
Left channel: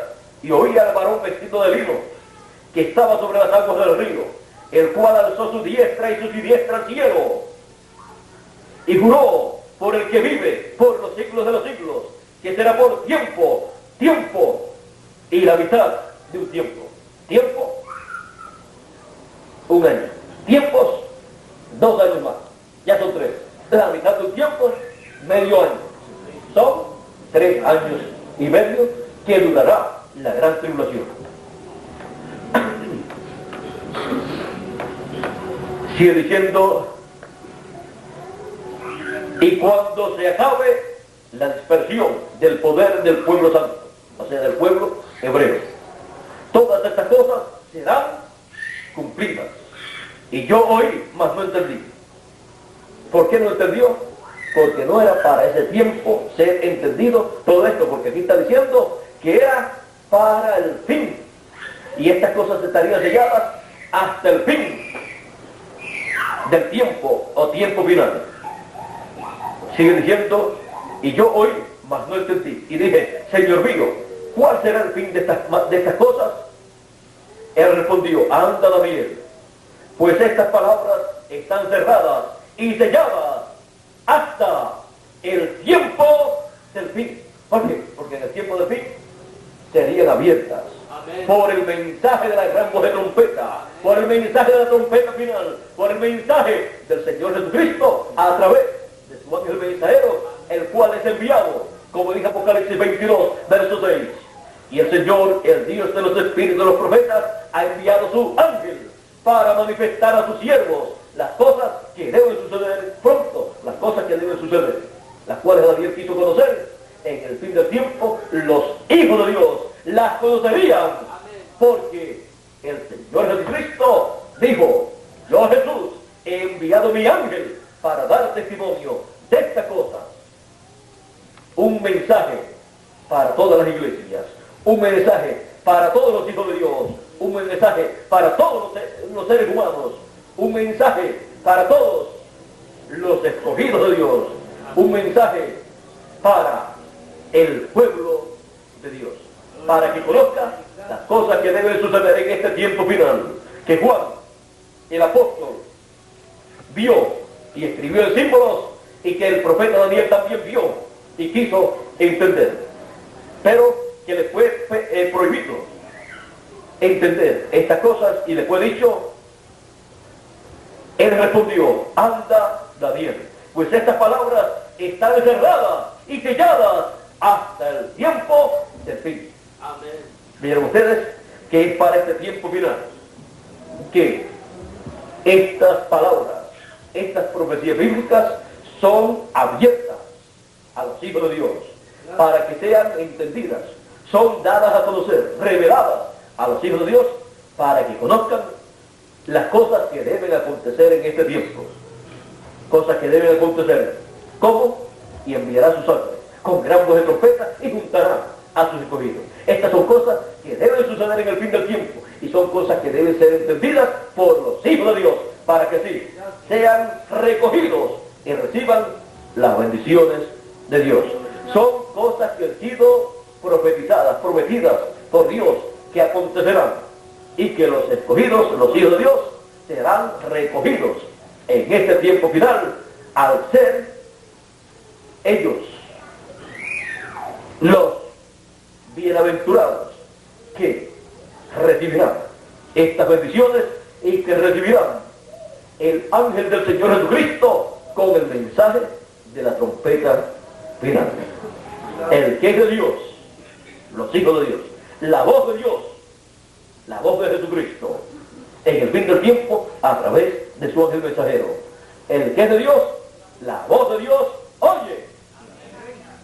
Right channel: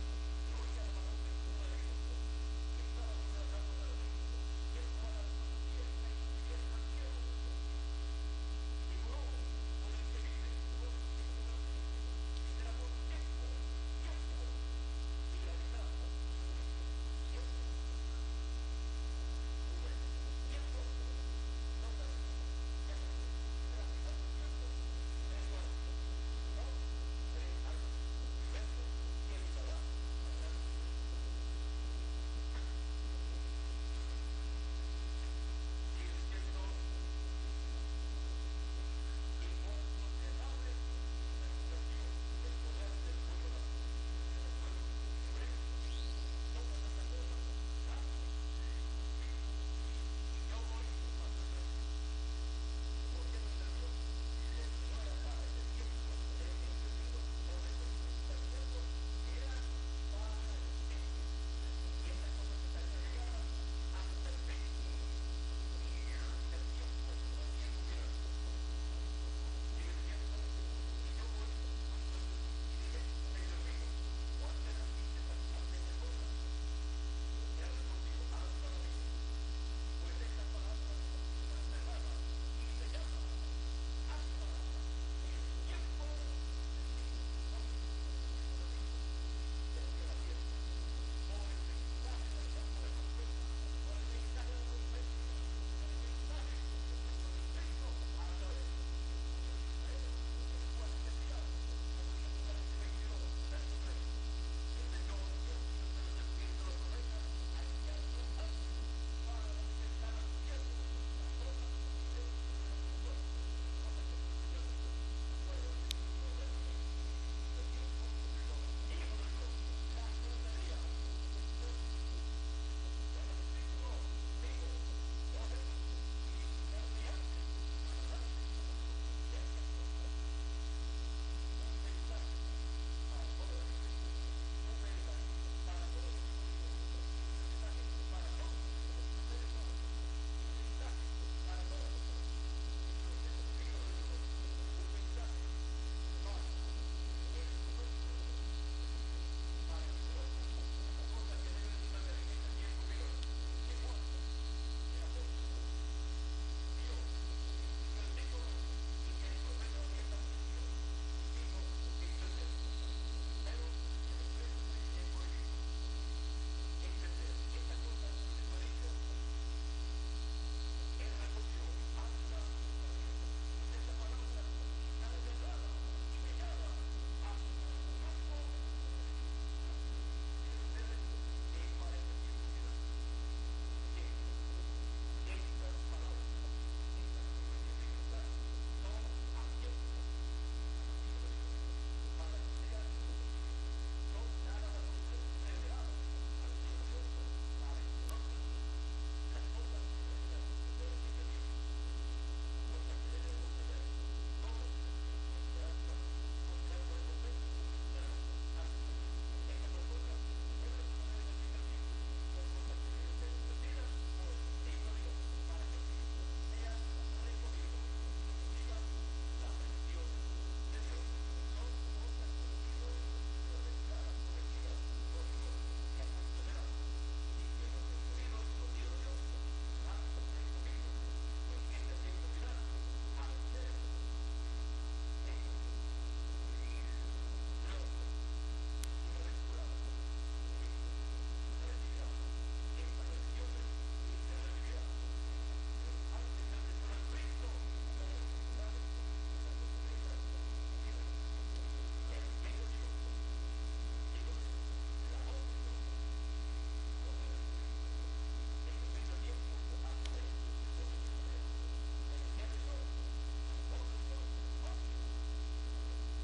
Y oía al varón vestido de lino que estaba sobre las aguas del río, el cual alzó su diestra y su siniestra al cielo, y juró por el que vive por los siglos de los siglos, que será por tiempo y la mitad de un tiempo. Tiempo, un año. Tiempos, 2 años más. Ya son 3. La mitad de un tiempo, medio año. Son 3 años y medio que durará la gran tribulación. Sigue diciendo: y cuando se acabe la dispersión del poder del pueblo santo, o sea, del pueblo hebreo, todas estas cosas serán cumplidas. Y yo oí, mas no entendí. ¿Por qué no entendió? Porque no era para ese tiempo ser entendido todo esto, porque aquí está diciendo que era para el fin. Y estas cosas estarían selladas hasta el fin del tiempo o tiempo final. Sigue diciendo: y yo oí, mas no entendí. Y dije: Señor mío, ¿cuál será el fin de estas cosas? Él respondió: anda, Daniel, pues estas palabras están cerradas y selladas hasta el tiempo del fin. ¿Por qué? Porque en el tiempo del fin abiertas por el mensaje de la gran voz de trompeta, por el mensaje de la trompeta final, por el mensaje del Señor Jesucristo a través de su ángel mensajero, el cual es enviado, como dice Apocalipsis 22, verso 6. Y el Señor, el Dios de los espíritus de los profetas, ha enviado su ángel para manifestar a sus siervos las cosas que deben suceder pronto, las cosas que deben suceder, las cuales Daniel quiso conocer en el fin del tiempo. Los hijos de Dios las conocerían, porque el Señor Jesucristo dijo: yo, Jesús, he enviado mi ángel para dar testimonio de esta cosa. Un mensaje para todas las iglesias, un mensaje para todos los hijos de Dios, un mensaje para todos los seres humanos, un mensaje para todos los escogidos de Dios, un mensaje para el pueblo de Dios, para que conozca las cosas que deben suceder en este tiempo final, que Juan, el apóstol, vio y escribió en símbolos, y que el profeta Daniel también vio y quiso entender, pero que le fue prohibido entender estas cosas, y le fue dicho. Él respondió: anda, Daniel, pues estas palabras están encerradas y selladas hasta el tiempo del fin. Amén. Vieron ustedes que es para este tiempo final que estas palabras, estas profecías bíblicas son abiertas a los hijos de Dios para que sean entendidas, son dadas a conocer, reveladas a los hijos de Dios para que conozcan las cosas que deben acontecer en este tiempo, cosas que deben acontecer. ¿Cómo? Y enviará sus ángeles con gran voz de trompeta y juntará a sus escogidos. Estas son cosas que deben suceder en el fin del tiempo, y son cosas que deben ser entendidas por los hijos de Dios para que sí sean recogidos y reciban las bendiciones de Dios. Son cosas que han sido profetizadas, prometidas por Dios, que acontecerán, y que los escogidos, los hijos de Dios, serán recogidos en este tiempo final, al ser ellos los bienaventurados que recibirán estas bendiciones y que recibirán el ángel del Señor Jesucristo con el mensaje de la trompeta final. El que es de Dios, los hijos de Dios, la voz de Dios, la voz de Jesucristo, en el fin del tiempo, a través de su ángel mensajero. El que es de Dios, la voz de Dios, oye.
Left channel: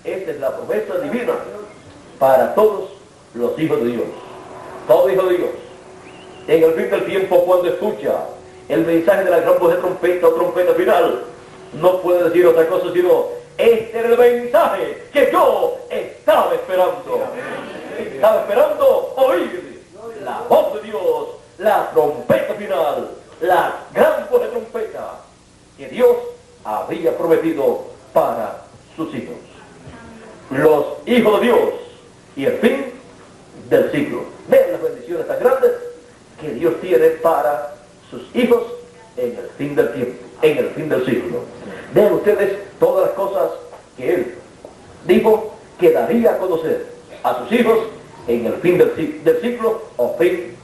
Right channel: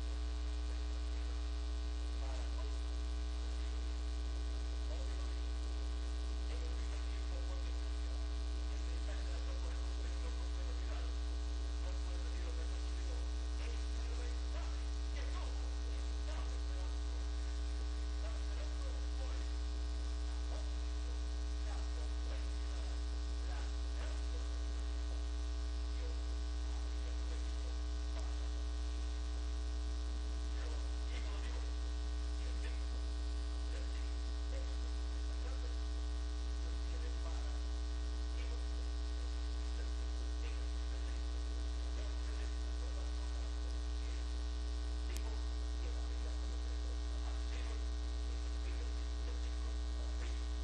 Esa es la promesa divina para todos los hijos de Dios. Todo hijo de Dios, en el fin del tiempo, cuando escucha el mensaje de la gran voz de trompeta o trompeta final, no puede decir otra cosa sino: este era el mensaje que yo estaba esperando. Estaba esperando oír la voz de Dios, la trompeta final, la gran voz de trompeta que Dios había prometido para sus hijos. Los hijos de Dios y el fin del siglo. Vean las bendiciones tan grandes que Dios tiene para sus hijos en el fin del tiempo, en el fin del siglo. Vean ustedes todas las cosas que Él dijo que daría a conocer a sus hijos en el fin del siglo o fin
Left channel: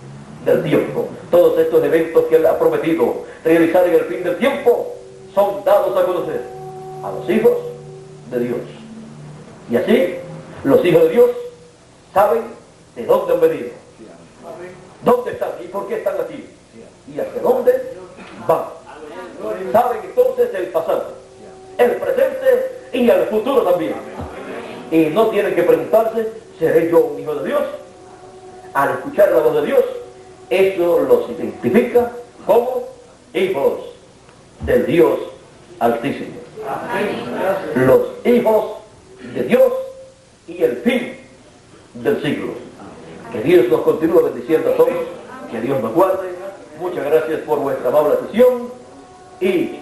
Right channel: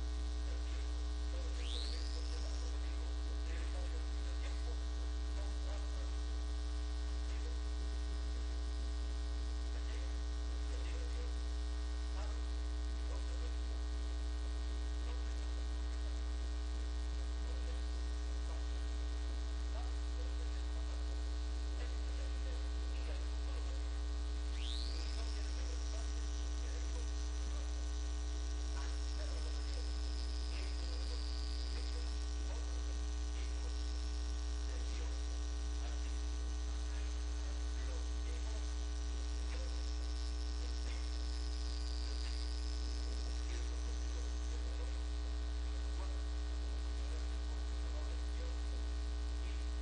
del tiempo. Todos estos eventos que Él ha prometido realizar en el fin del tiempo son dados a conocer a los hijos de Dios. Y así los hijos de Dios saben de dónde han venido, dónde están y por qué están aquí, y hacia dónde van. Saben entonces el pasado, el presente y el futuro también. Y no tienen que preguntarse: ¿seré yo un hijo de Dios? Al escuchar la voz de Dios, eso los identifica como hijos del Dios Altísimo. Los hijos de Dios y el fin del siglo. Que Dios nos continúe bendiciendo a todos, que Dios nos guarde. Muchas gracias por vuestra amable atención y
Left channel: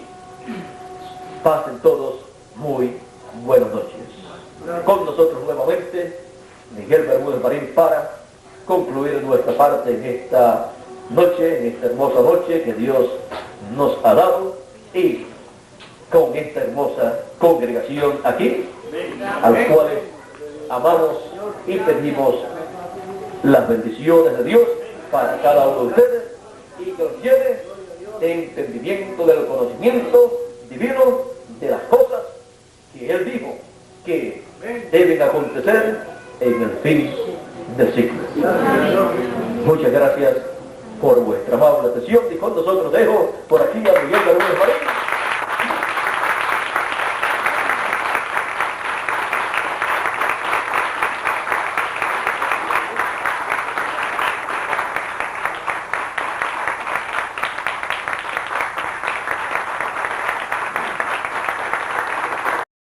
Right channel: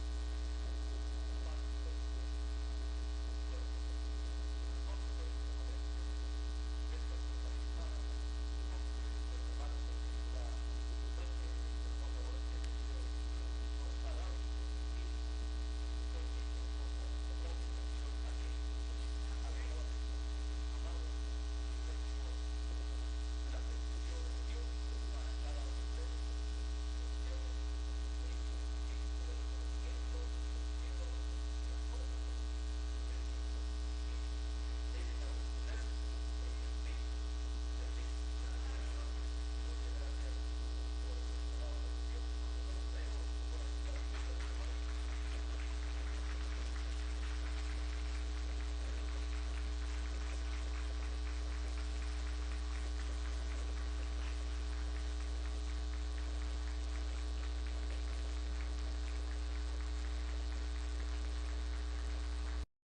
pasen todos muy buenas noches. Con nosotros nuevamente Miguel Bermúdez Marín para concluir nuestra parte en esta noche, en esta hermosa noche que Dios nos ha dado, y con esta hermosa congregación aquí, a los cuales amamos y pedimos las bendiciones de Dios para cada uno de ustedes y que los lleve de entendimiento del conocimiento divino de las cosas que Él dijo que deben acontecer en el fin del siglo. Muchas gracias por vuestra amable atención y con nosotros dejo por aquí a Miguel Galvez Marín.